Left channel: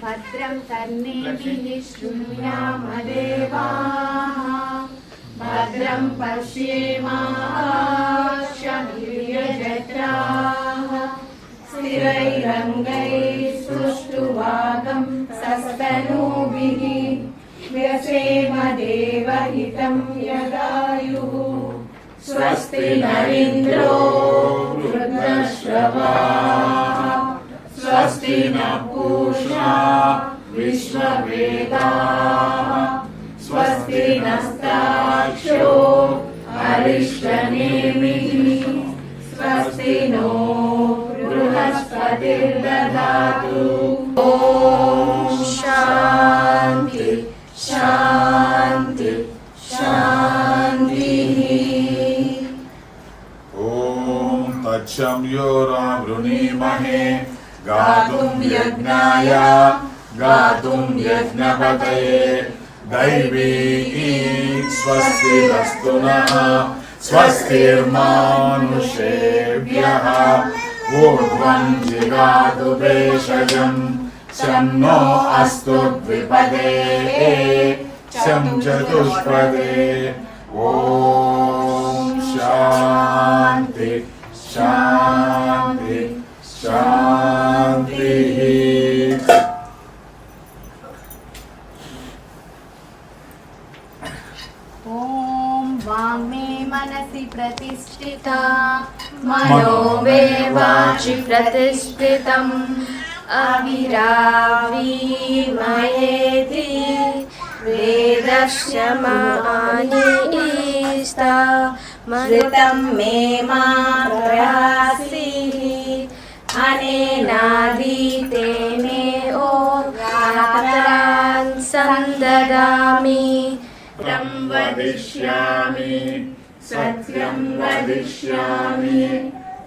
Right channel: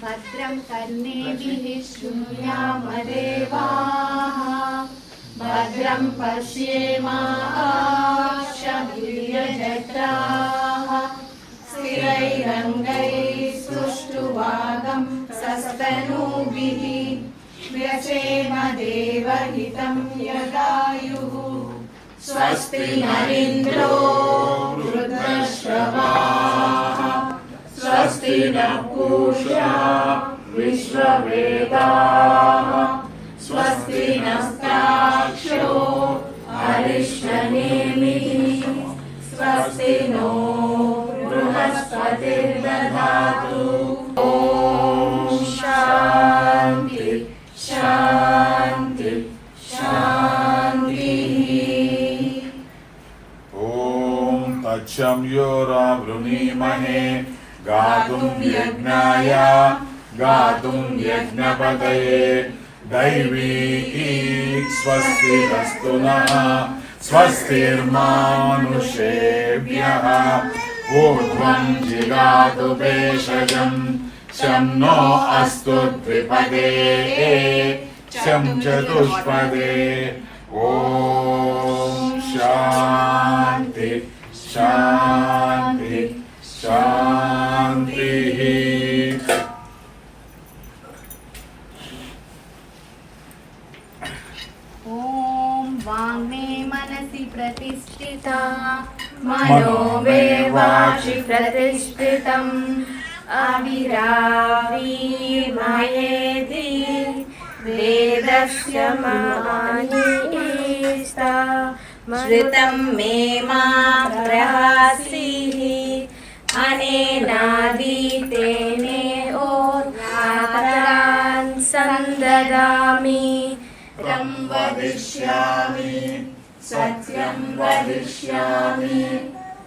भद्रं कर्णेभिः शृणुयामदेवाः भद्रं पश्येमाक्षभिर्यजत्राः स्थिरैरङ्गैस्तुष्टुवागं सस्तनूभिः व्यसेम देवहितं यदायुः स्वस्ति नरीन्द्रो वृद्धश्रवाः स्वस्ति नः पूषा विश्ववेदाः स्वस्ति नस्ताक्षो अरिष्टनेमिः स्वस्ति नो बृहस्पतिर्दधातु। ॐ शान्ति शान्ति शान्तिः। ॐ तच्छं योरावृणीमहे गातुं यज्ञाय गातुं यज्ञपतये दैवी स्वस्तिरस्तु नः स्वस्तिर्मानुषेभ्यः ऊर्ध्वं जिगातु भेषजं शं नो अस्तु द्विपदे शं चतुष्पदे। ॐ शान्ति शान्ति शान्तिः। ॐ वाङ्मे मनसि प्रतिष्ठिता मनो मे वाचि प्रतिष्ठितम् अविरावीर्मयेति वेदस्य मानीष्टा श्रुतं मे मा प्रहासीः अनेनादीतेने ओरात्रान् संददामि तं वदिष्यामि सत्यं वदिष्यामि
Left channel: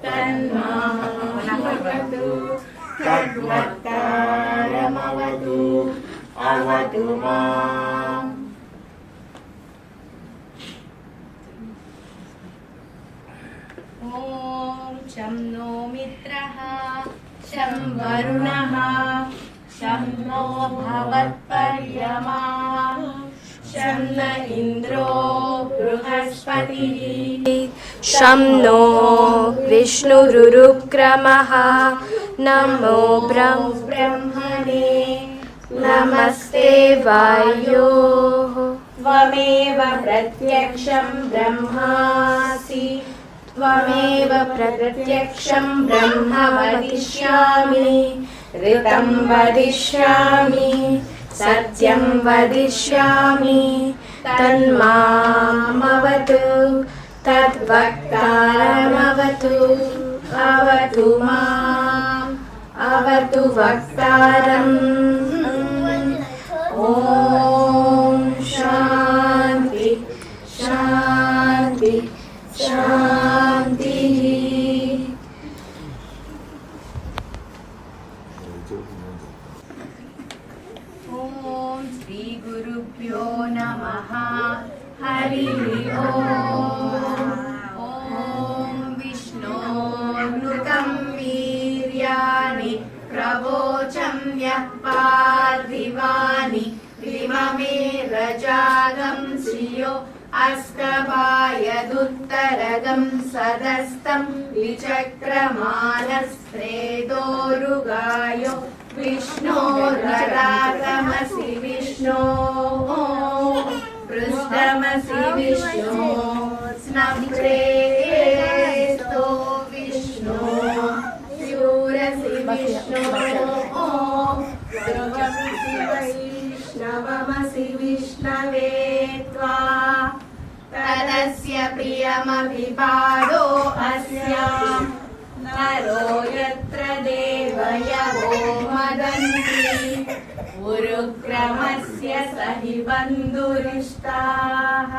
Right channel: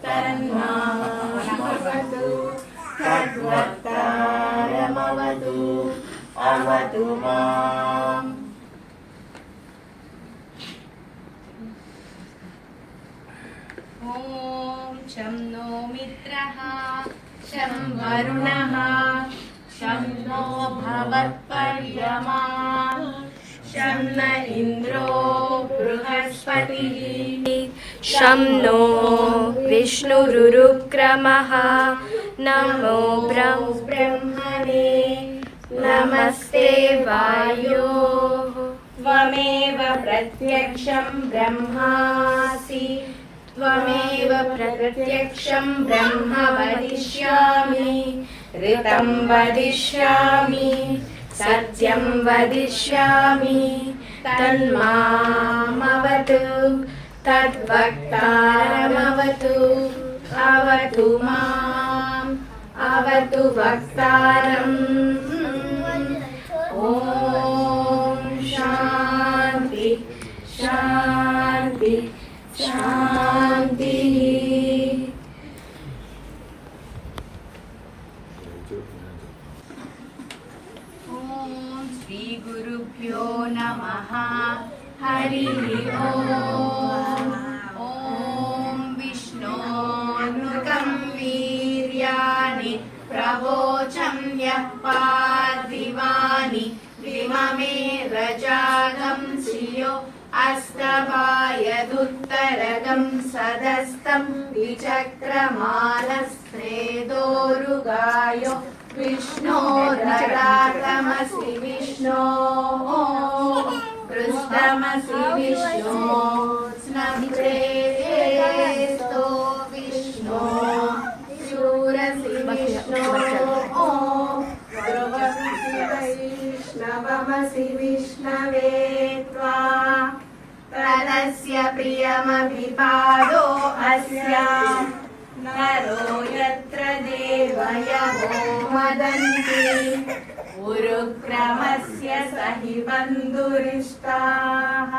तन्मामवतु तद्वक्तारमवतु अवतु माम्। ॐ शं नो मित्रः शं वरुणः शं नो भवत्पर्यमा शं न इन्द्रो बृहस्पतिः शं नो विष्णुरुक्रमः नमो ब्रह्मणे नमस्ते वायो त्वमेव प्रत्यक्षं ब्रह्मासि त्वमेव प्रत्यक्षं ब्रह्म वदिष्यामि ऋतं वदिष्यामि सत्यं वदिष्यामि तन्मामवतु तद्वक्तारमवतु अवतु माम् अवतु वक्तारम्। ॐ शान्ति शान्ति शान्तिः। ॐ श्री गुरुभ्यो नमः। हरिः ॐ। ॐ विष्णोर्नुतं वीर्याणि प्रवोचं यः पार्थिवानि विममे रजागं श्रियो अस्तभायदुत्तरगं सदस्तं विचक्रमानस्त्रेदोरुगायो विष्णोर्नरागमसि विष्णो पृष्ठमसि विष्णो स्नग्रेस्तो विष्णो शूरसि विष्णो वैष्णवमसि विष्णवे त्वा तदस्य प्रियमभिपादो अस्याम् नरो यत्र देवयवो मदन्ति उरुक्रमस्य सहि बन्धुरिष्टाः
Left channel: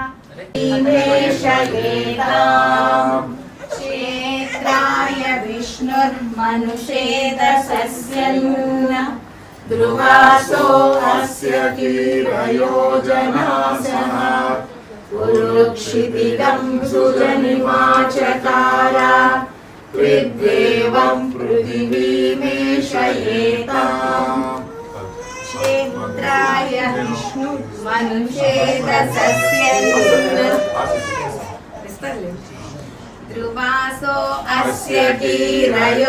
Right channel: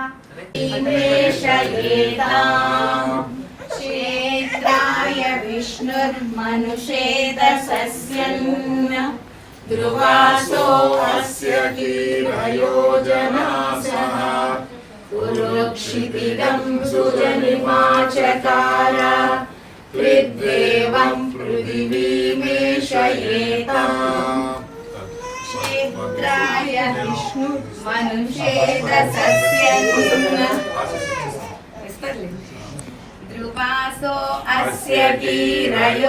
निवेशयेताम् क्षेत्राय विष्णुर्मनुषेदसस्यन्न ध्रुवासो अस्य कीरयोजनासः उरुक्षितिदं सुजनिमाचकार पृथ्वेवं पृथिवीमेषयेताम् क्षेत्राय विष्णु मनुषेद ध्रुवासो अस्य वीरयोजनासः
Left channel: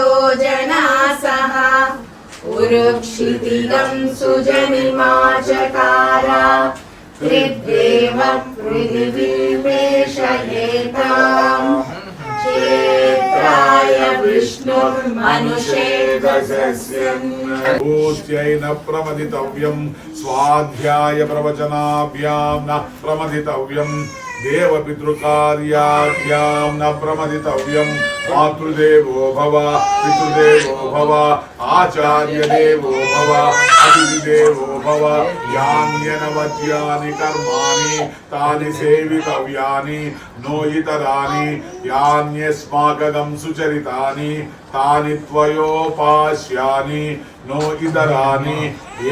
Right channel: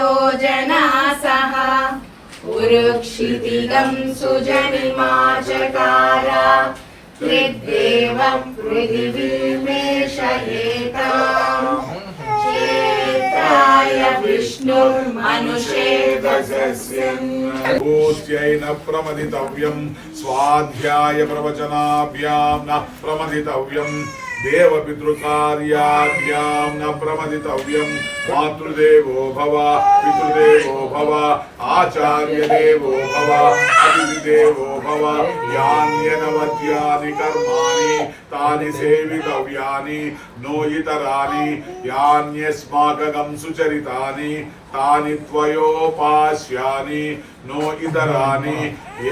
उरुक्षितिगं सुजनिमाचकार कृद्देव पृथिवीमेषयेताम् क्षेत्राय विष्णुर्मनुषेदसस्यम् भूत्यै न प्रमदितव्यं स्वाध्याय प्रवचनाभ्यां न प्रमदितव्यम् देवपितृकार्याभ्यां न प्रमदितव्यं मातृदेवो भव पितृदेवो भव आचार्यदेवो भव अतिथिदेवो भव यान्यनवद्यानि कर्माणि तानि सेवितव्यानि नो इतराणि यान्यस्माकं सुचरितानि तानि त्वयोपास्यानि नो इतरानि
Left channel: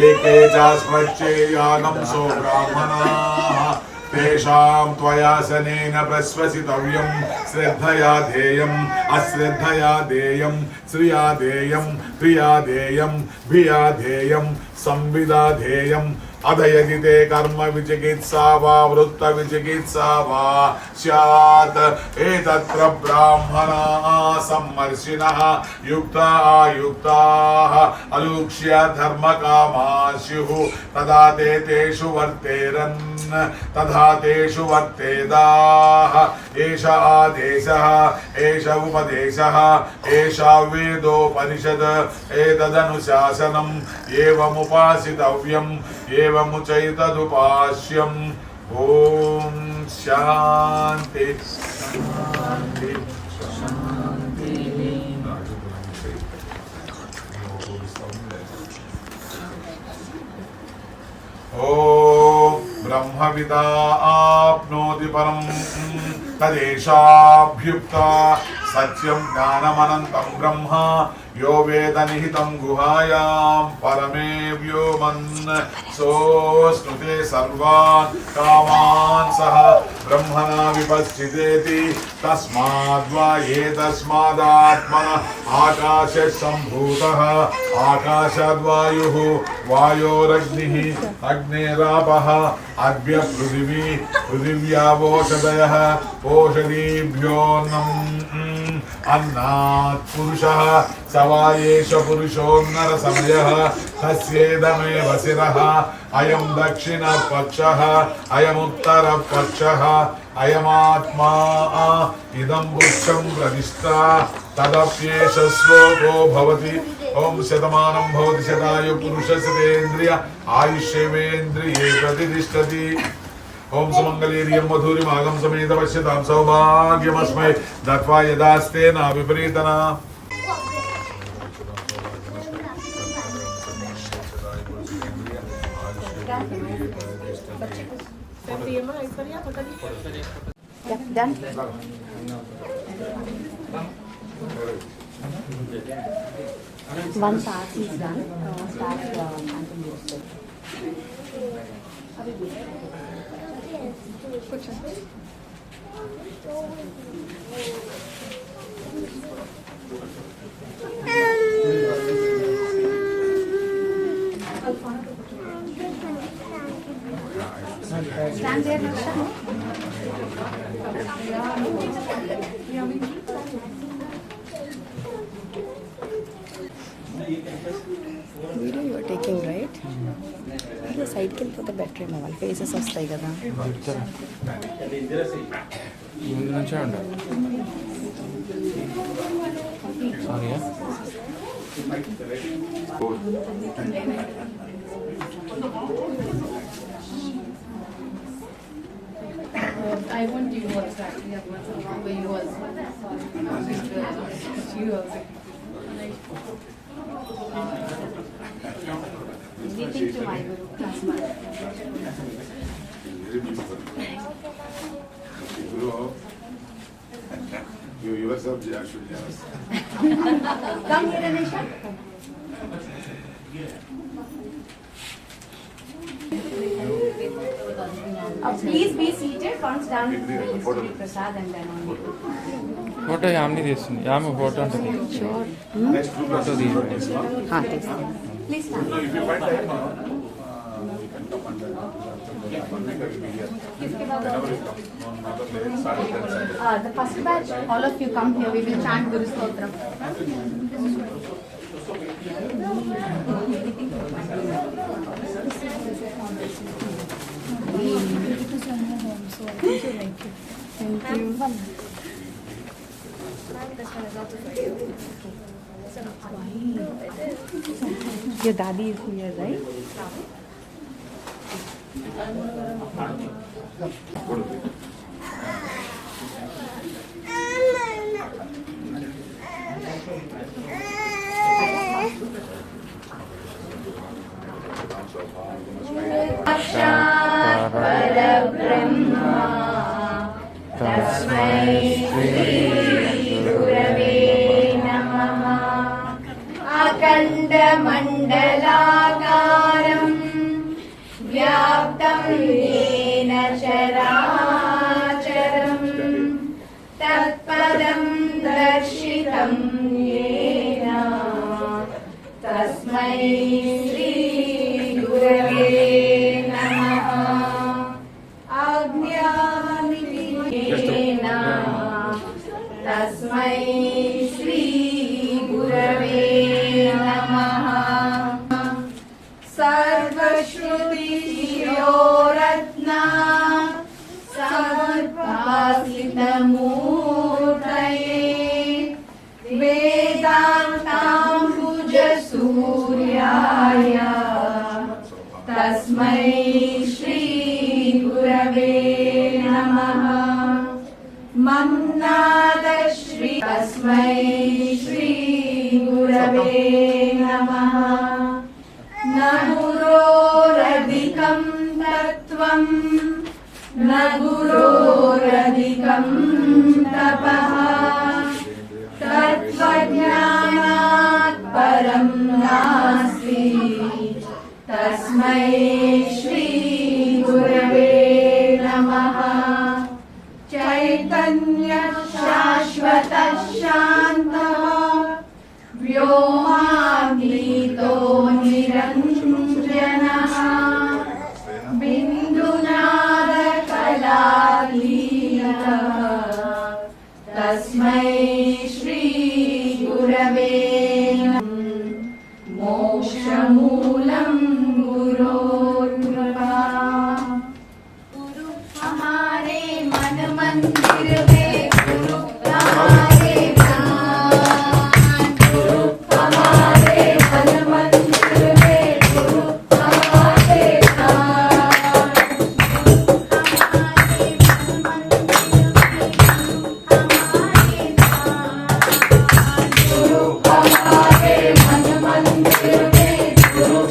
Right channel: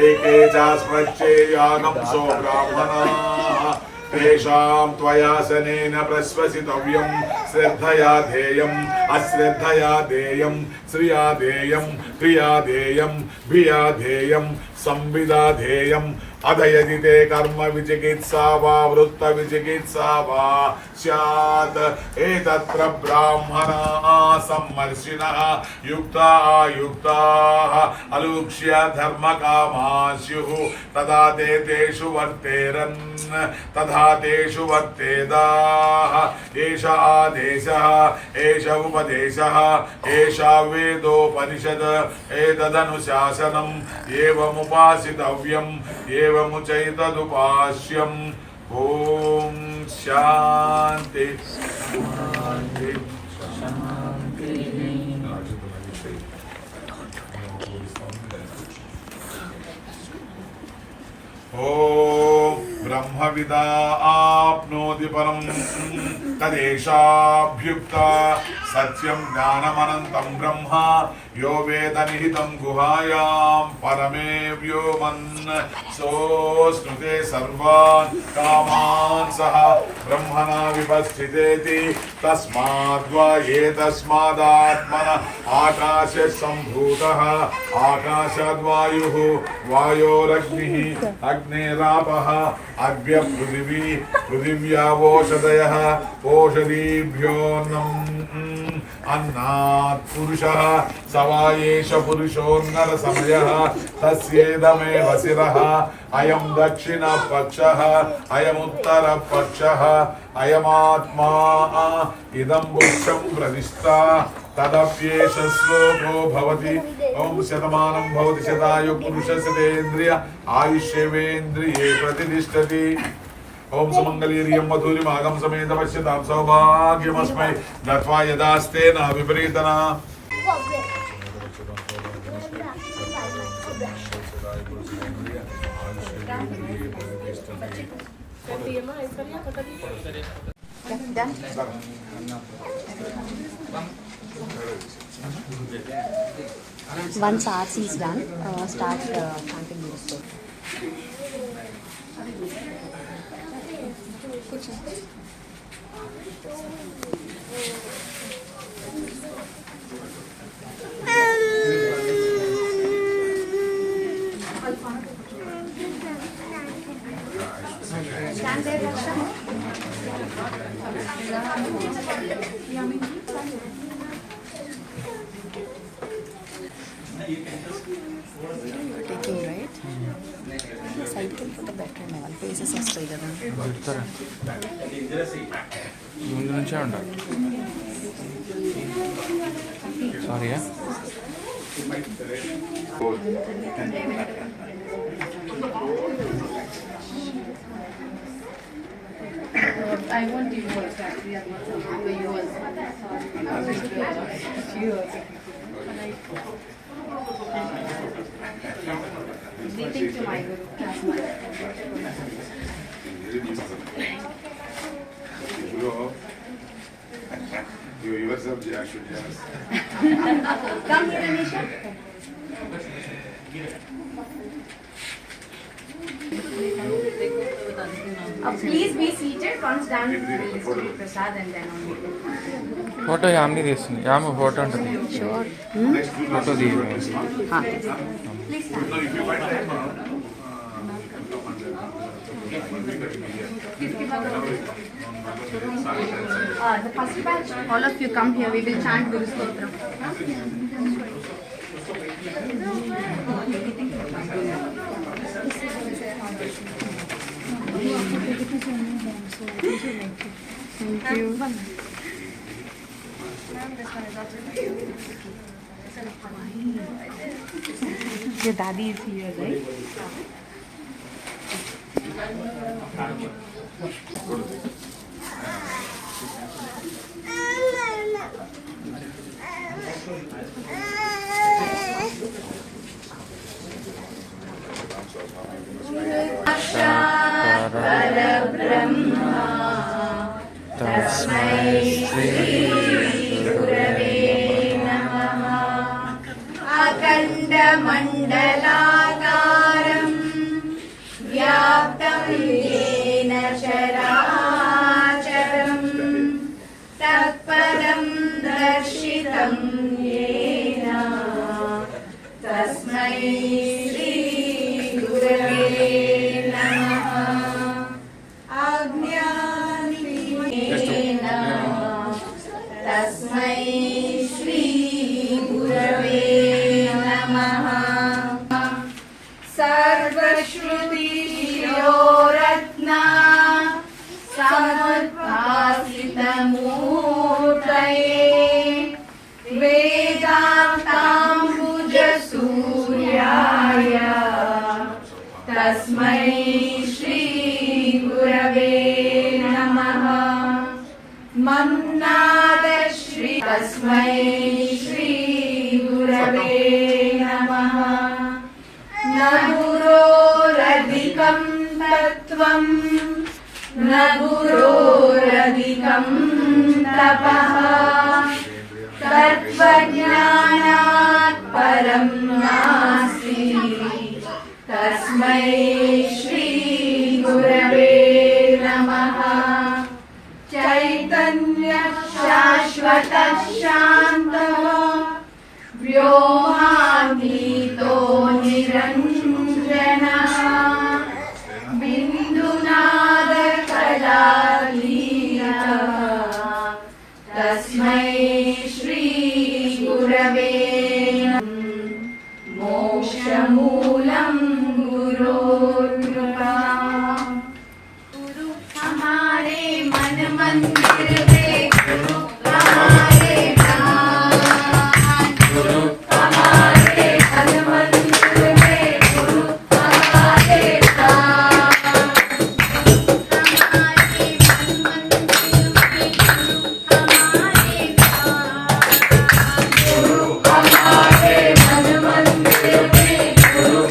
एके चास्मच्चेयानं सो ब्राह्मणाः तेषां त्वयासनेन प्रश्वसितव्यं श्रद्धया ध्येयम् अश्रद्धया देयं श्रिया देयं क्रिया देयं भिया देयं संविदा ध्येयम् अधयजिते कर्म विचिकित्सा वा वृत्त विचिकित्सा वा स्यात् एतत्र ब्राह्मणाः सम्मर्शिनः युक्ता आयुक्ताः अलूक्ष्य धर्मकामाः स्युः तदा ते तेषु वर्तेरन् तथा तेषु वर्तेदाः एष आदेशः एष उपदेशः एषा वेदोपनिषद एतदनुशासनम् एवमुपासितव्यम् एवमुचैतदुपास्यम् ॐ शान्ति शान्ति शान्ति ॐ ब्रह्मविदा आप्नोति परं तदेशाभ्युक्ता सत्यं ज्ञानमनन्तं ब्रह्म यो वेद निहितं गुहायां परमे व्योमन् सोऽश्नुते सर्वान् कामान् सह ब्रह्मणा विपश्चितेति तस्माद्वा एतस्मादात्मनः आकाशे सम्भूतः आकाशाद्वायुः वायोरग्निः अग्नेरापः अद्यपृथिवी पृथिव्यावोषधयः ओषधीभ्योऽन्नम् अन्नात् पुरुषः स वा एष पुरुषोन्नरसमयः तस्येदमेव शिरः अयं दक्षिणपक्षः अयमुत्तरपक्षः अयमात्मा इदं पुरुषं प्रतिष्ठा तदप्येष श्लोको भवति ओम शतमानं भवति शतायु पुरुषशतेन्द्रिय आयुष्येवेन्द्रिये प्रतिष्ठति ओम सुमंगलीर्यं मधुरिमागं समेत पश्यतां सौभाग्यमस्मै दत्वा यदास्ते न विपरीतना Once RC is done, start chanting music. Stand there, Raksha. Video you are taking, right? The side can put a battery mobile. Faces are straight down. ముందు నుంచే ఉండాలి sorry I want divorce actually. I want somehow for you also. You also. Meeting to my guru. You yourself actually yes. Come here, Anisha. Please be seated. Once done, we will distribute prasad and then only. Photo యామ్ని తీస్తుంది యామ photo ఉంటుంది Next two photo classes తీ you got this one. Please stand. No, if you find time, come and then one week will be here. Whenever you come, on Mother Day, Saturday and Sunday. The first batch, all of you come here, we will chant Guru Stotra. Thank you. Your daddy is here, right? Go to the तस्मै श्री गुरवे नमः। अखण्डमण्डलाकारं व्याप्तं येन चराचरं तत्पदं दर्शितं येन तस्मै श्रीगुरवे नमः। अज्ञानिधीन तस्मै श्रीगुरवे नमः। सर्वश्रुतिशिरोरत्ना समुद्भासितमूर्तये वेदान्ताम्बुजसूर्याय तस्मै श्रीगुरवे नमः। मन्नादश्री तस्मै श्रीगुरवे नमः। न गुरोरधिकं तत्त्वं न गुरोरधिकं तपः तत्त्वज्ञानात् परं नास्ति तस्मै श्रीगुरवे नमः। चैतन्य शाश्वत शान्तः व्योमातीतो निरञ्जनः बिन्दुनादकलातीतः तस्मै श्रीगुरवे नमः। मोक्षमूलं गुरोर्कृपा। गुरु हमारे मन मंदिर में गुरु हमारे प्राण। गुरु हमारे मन मंदिर में गुरु हमारे प्राण। हमारे मन मंदिर में गुरु हमारे प्राण। गुरु हमारे मन मंदिर में गुरु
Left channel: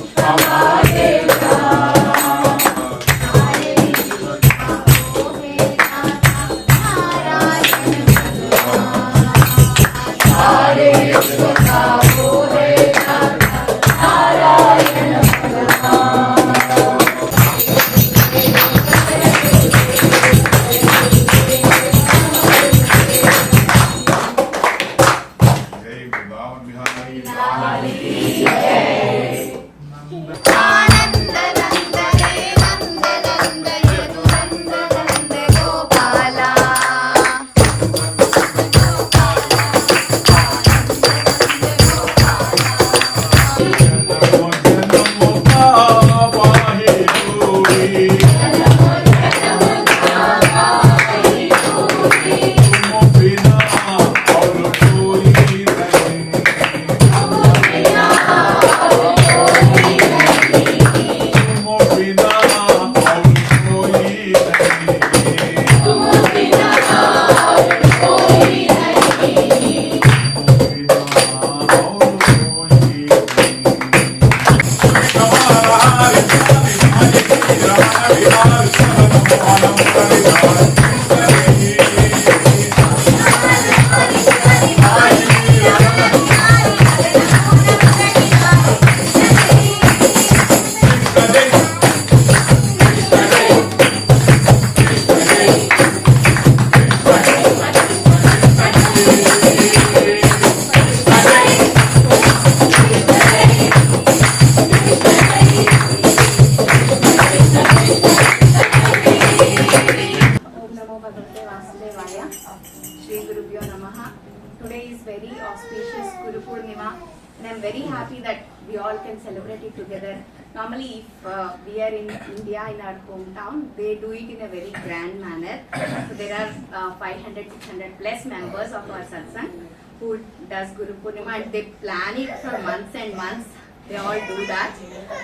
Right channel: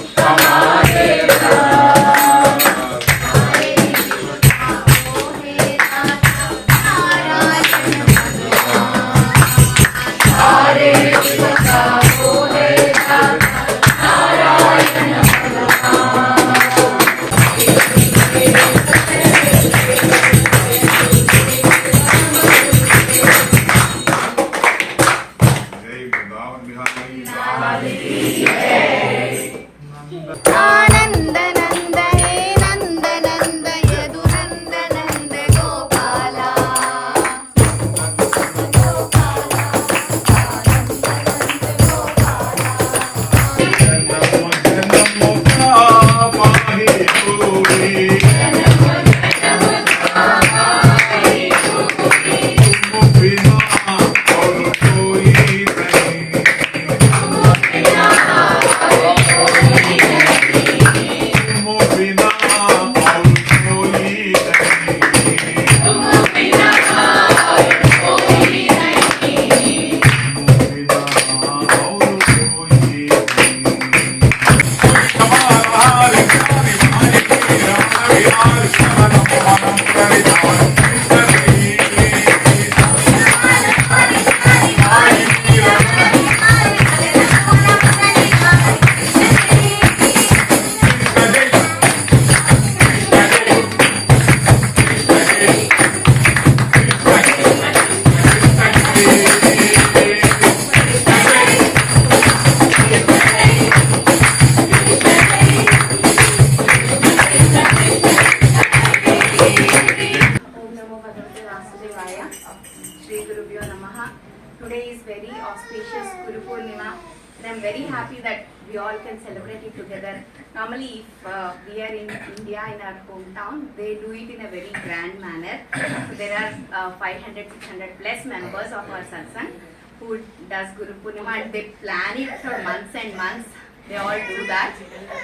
can celebrate it together. Normally, if we are in India, in our hometown, they do it in a very grand manner. So there are 500, 600 plus members of our satsang who does Guru Purnima, and they plan it for months and months. They all do that.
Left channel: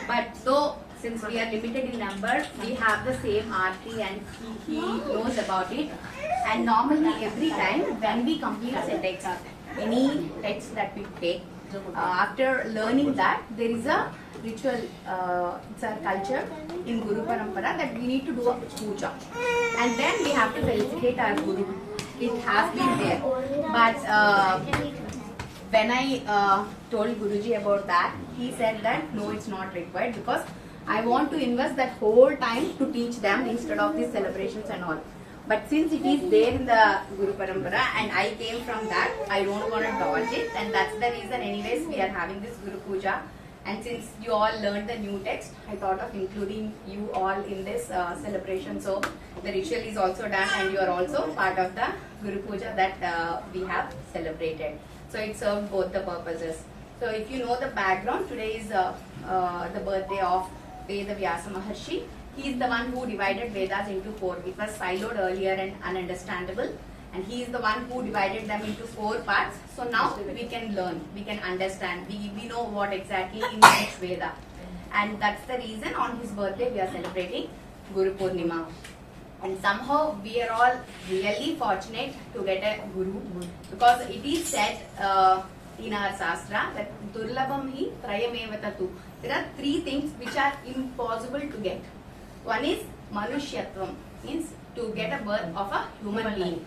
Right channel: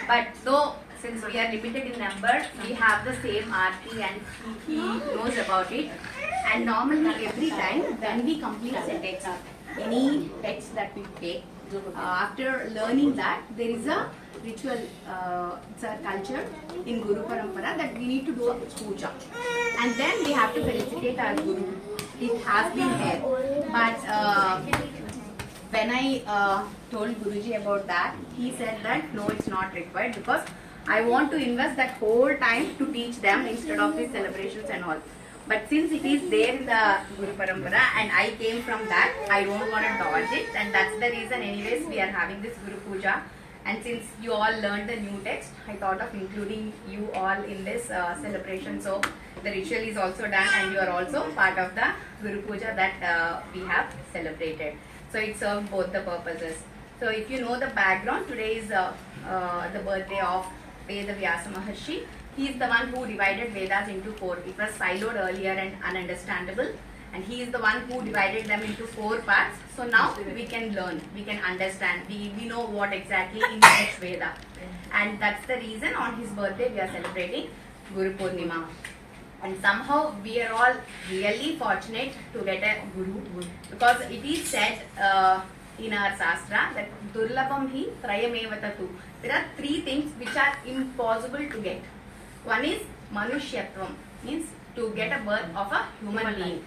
But though, since we are limited in numbers, we have the same RT and he knows about it. And normally every time when we complete a text, any text that we take, after learning that, there is a ritual, it's a culture in Guru Parampara that we need to do a puja. And then we have to felicitate our Guru. It has been there. But when I told Guruji about that, he said that no, it's not required because I want to invest that whole time to teach them instead of these celebrations and all. But since it is there in the Guru Parampara and I came from that, I don't want to dodge it, and that's the reason anyways we are having this Guru Puja. And since you all learned the new text, I thought of including you all in this celebration. So the ritual is also done and you are also part of the Guru Puja that we have celebrated. So it served both the purposes. So if you know the background, today is the birthday of Veda Vyasa Maharshi. He is the one who divided Vedas into 4. It was siloed earlier and ununderstandable. And he is the one who divided them into 4 parts. So now we can learn, we can understand, we know what exactly in each Veda. And that's the reason on his birthday we are celebrating Guru Purnima. And somehow we are all really fortunate to get a Guru, because it is said in our Shastra that Durlabham hi Trayamevatatu. There are 3 things which are impossible to get. One is Manushyatvam, means to get a birth of a human being.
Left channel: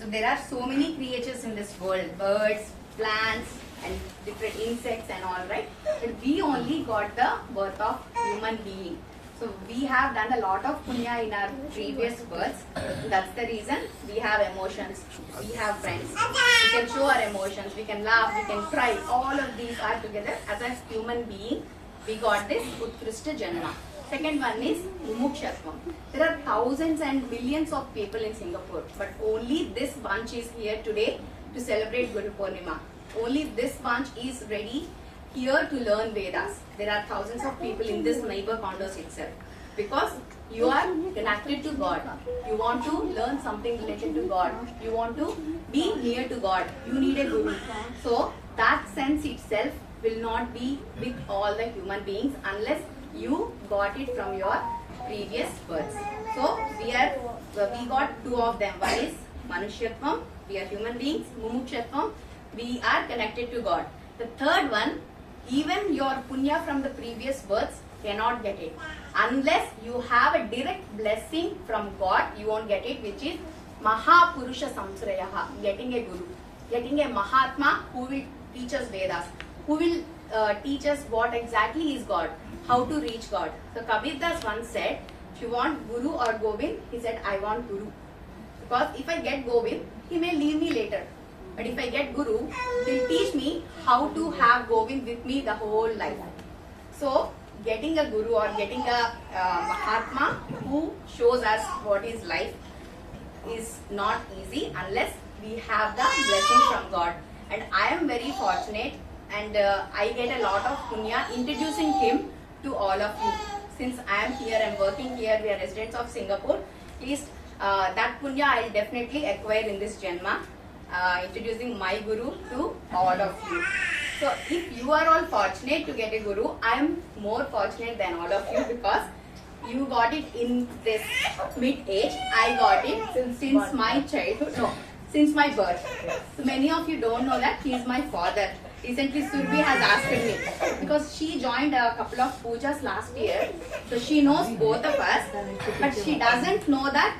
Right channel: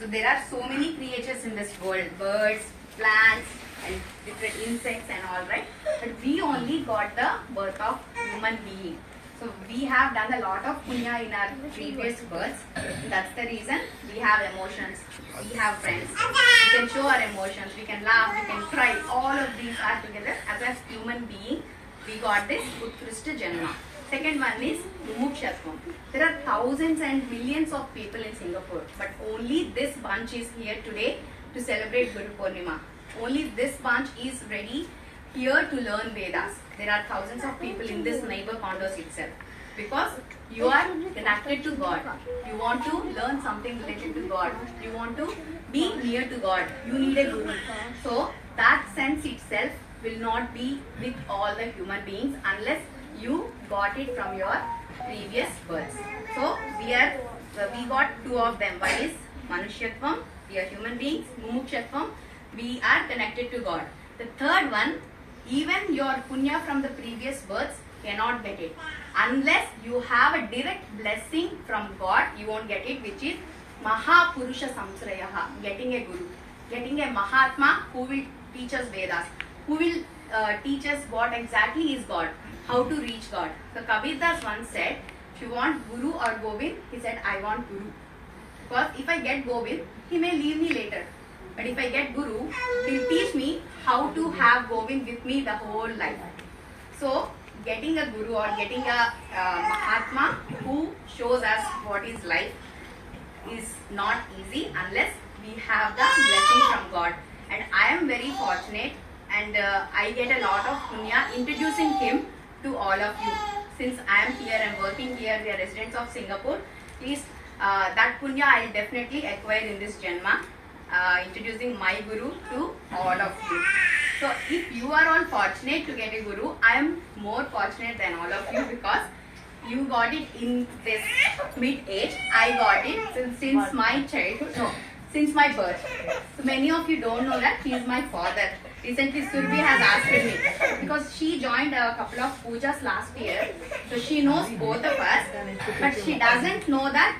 So there are so many creatures in this world, birds, plants and different insects and all, right? But we only got the birth of human being. So we have done a lot of punya in our previous births. So that's the reason we have emotions, we have friends. We can show our emotions, we can laugh, we can cry. All of these are together. As a human being, we got this Utkrishta Janma. Second one is Mumukshatvam. There are thousands and millions of people in Singapore, but only this bunch is here today to celebrate Guru Purnima. Only this bunch is ready here to learn Vedas. There are thousands of people in this neighbor condos itself. Because you are connected to God. You want to learn something related to God. You want to be near to God. You need a Guru. So that sense itself will not be with all the human beings unless you got it from your previous births. So we got 2 of them. One is Manushyatvam, we are human beings. Mumukshatvam, we are connected to God. The third one, even your punya from the previous births cannot get it. Unless you have a direct blessing from God, you won't get it, which is Mahapurusha Samsrayaha, getting a Guru. Getting a Mahatma who will teach us Vedas, who will teach us what exactly is God, how to reach God. So Kabir Das once said, if you want Guru or Govind, he said, I want Guru. Because if I get Govind, he may leave me later. But if I get Guru, he will teach me how to have Govind with me the whole life. So getting a Guru or getting a Mahatma who shows us what is life is not easy unless we have the blessing from God. And I am very fortunate, and I get a lot of punya introducing him to all of you. Since I am here, I am working here, we are residents of Singapore. Please, that punya I will definitely acquire in this Janma, introducing my Guru to all of you. So if you are all fortunate to get a Guru, I am more fortunate than all of you, because you got it in this mid-age. I got it since my childhood, no, since my birth. So many of you don't know that he is my father. Recently Surbi has asked me, because she joined a couple of pujas last year, so she knows both of us, but she doesn't know that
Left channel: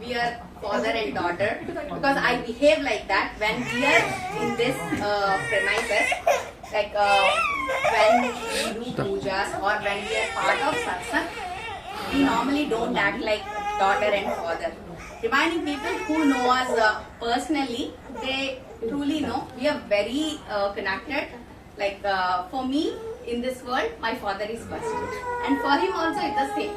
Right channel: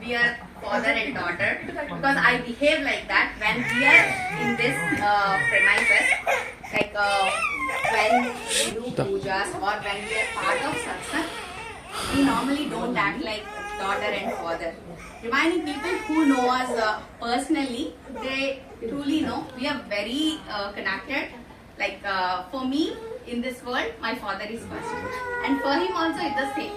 we are father and daughter, because I behave like that when we are in this premises, like when we do pujas or when we are part of satsang, we normally don't act like daughter and father. Reminding people who know us personally, they truly know we are very connected. Like for me, in this world, my father is first, and for him also it's the same.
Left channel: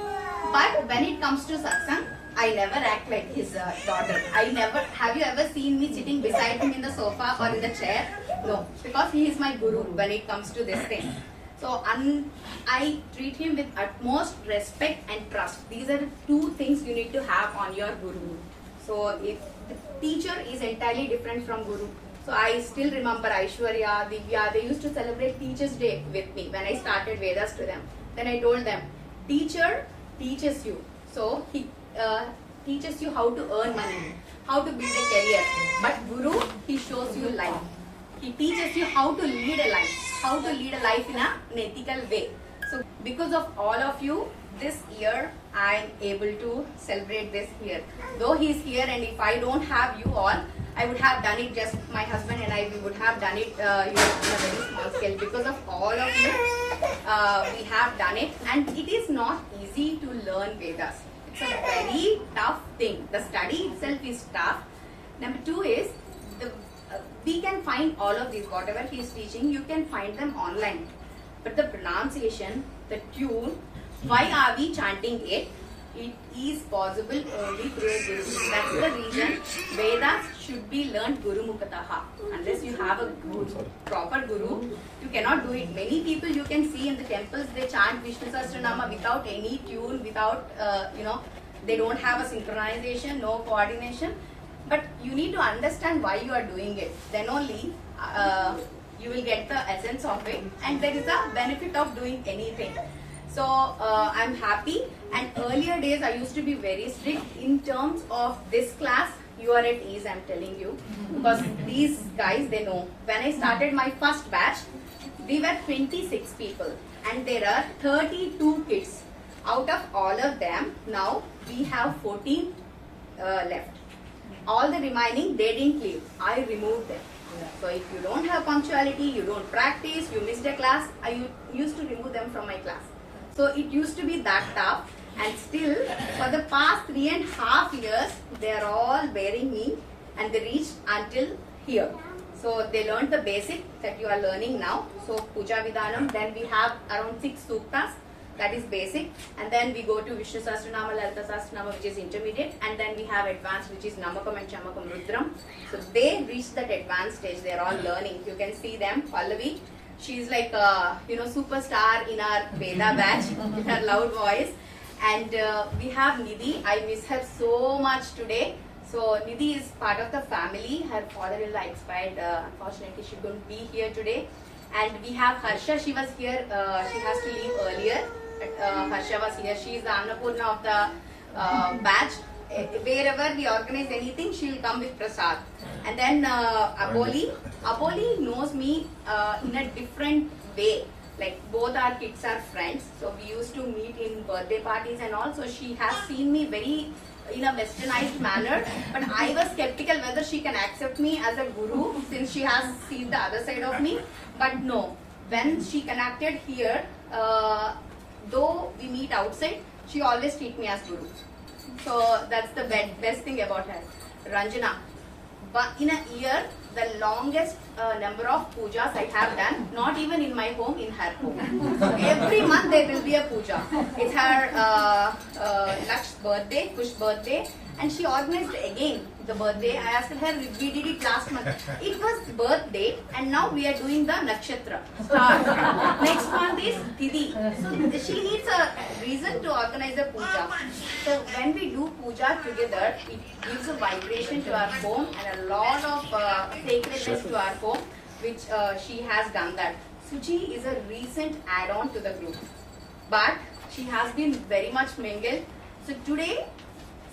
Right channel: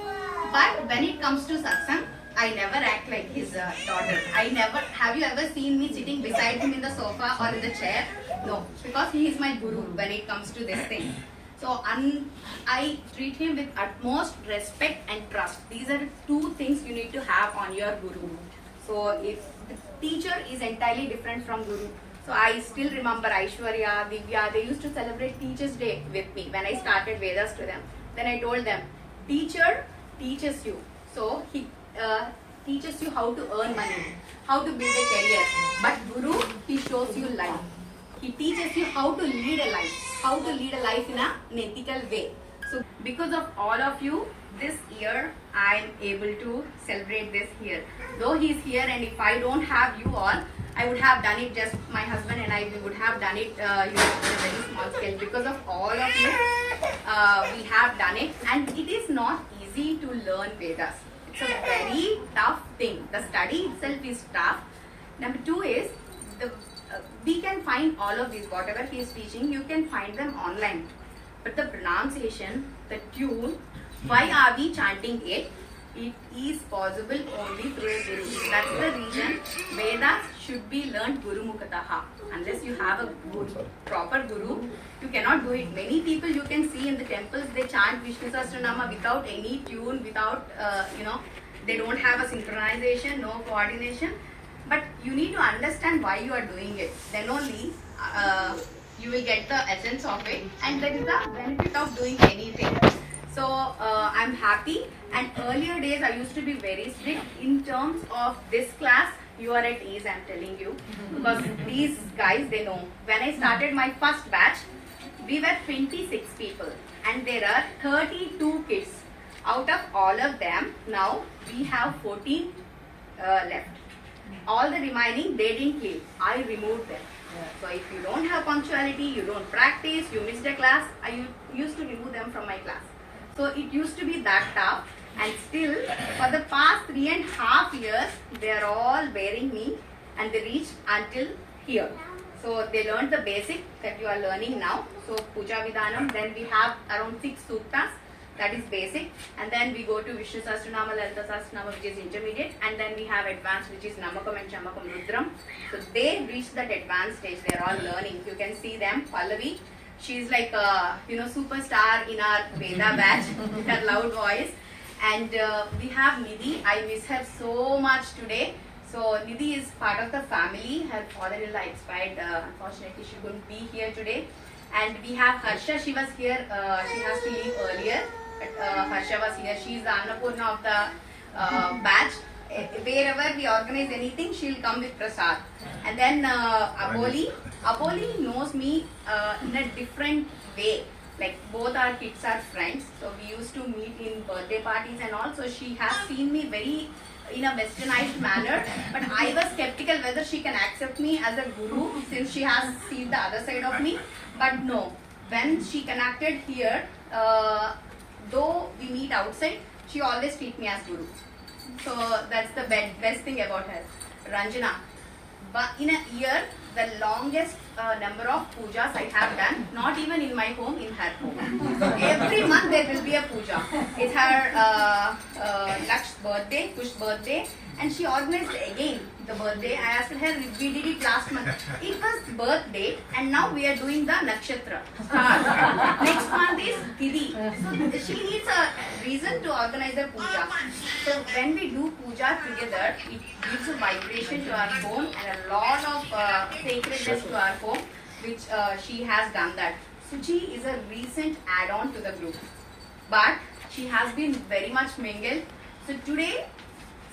But when it comes to satsang, I never act like his daughter. I never. Have you ever seen me sitting beside him in the sofa or in the chair? No, because he is my guru when it comes to this thing. So I treat him with utmost respect and trust. These are the two things you need to have on your guru. So if the teacher is entirely different from guru. So I still remember Aishwarya, Divya, they used to celebrate Teachers' Day with me when I started Vedas to them. Then I told them, teacher teaches you. So he teaches you how to earn money, how to build a career. But Guru, he shows you life. He teaches you how to lead a life, how to lead a life in an ethical way. So because of all of you, this year I am able to celebrate this here. Though he is here, and if I don't have you all, I would have done it, just my husband and I, we would have done it on a very small scale. Because of all of you, we have done it, and it is not easy to learn Vedas. It's a very tough thing. The study itself is tough. Number two is, we can find all of these, whatever he is teaching, you can find them online. But the pronunciation, the tune, why are we chanting it? It is possible only through a guru. That's the reason Vedas should be learned Guru Mukataha. Unless you have a proper guru, you cannot do it. Many people you can see in the temples, they chant Vishnu Sahasranama without any tune, without, they don't have a synchronization, no coordination. But you need to understand why you are doing it. Then only you will get the essence of it, and there is a benefit of doing anything. So I'm happy. And earlier days I used to be very strict in terms of this class. You are at ease, I'm telling you, because these guys, they know. When I started my first batch, we were 26 people, and there are 32 kids. Out of all of them, now we have 14 left. All the remaining, they didn't leave. I removed them. So if you don't have punctuality, you don't practice, you missed a class, I used to remove them from my class. So it used to be that tough, and still for the past 3.5 years, they are all bearing me, and they reached until here. So they learned the basic that you are learning now. So Puja Vidhanam, then we have around 6 suktas. That is basic, and then we go to Vishnu Sahasranama, Lalita Sahasranama, which is intermediate, and then we have advanced, which is Namakam and Chamakam Rudram. So they reach that advanced stage. They are all learning. You can see them. Pallavi, she is like a superstar in our Veda batch with her loud voice, and we have Nidhi. I miss her so much today. So Nidhi is part of the family. Her father-in-law expired. Unfortunately, she couldn't be here today. And we have Harsha. She was here. She has to leave earlier. Harsha was here. She is the Annapurna of the batch. Wherever we organize anything, she'll come with Prasad. And then Apoli. Apoli knows me in a different way. Like both our kids are friends. So we used to meet in birthday parties and all. So she has seen me very in a westernized manner. But I was skeptical whether she can accept me as a guru, since she has seen the other side of me. But no. When she connected here, though we meet outside, she always treats me as guru. So that's the best thing about her. Ranjana. But in a year, the longest number of pujas I have done, not even in my home, in her home. Every month there will be a puja. It's her Laksh's birthday, Kush's birthday, and she organized again the birthday. I asked her, we did it last month. It was birthday, and now we are doing the nakshatra. Next month is Tithi. So she needs a reason to organize the puja. So when we do puja together, it gives a vibration to our home and a lot of sacredness to our home, which she has done that. Suchi is a recent add-on to the group, but she has been very much mingled. So today,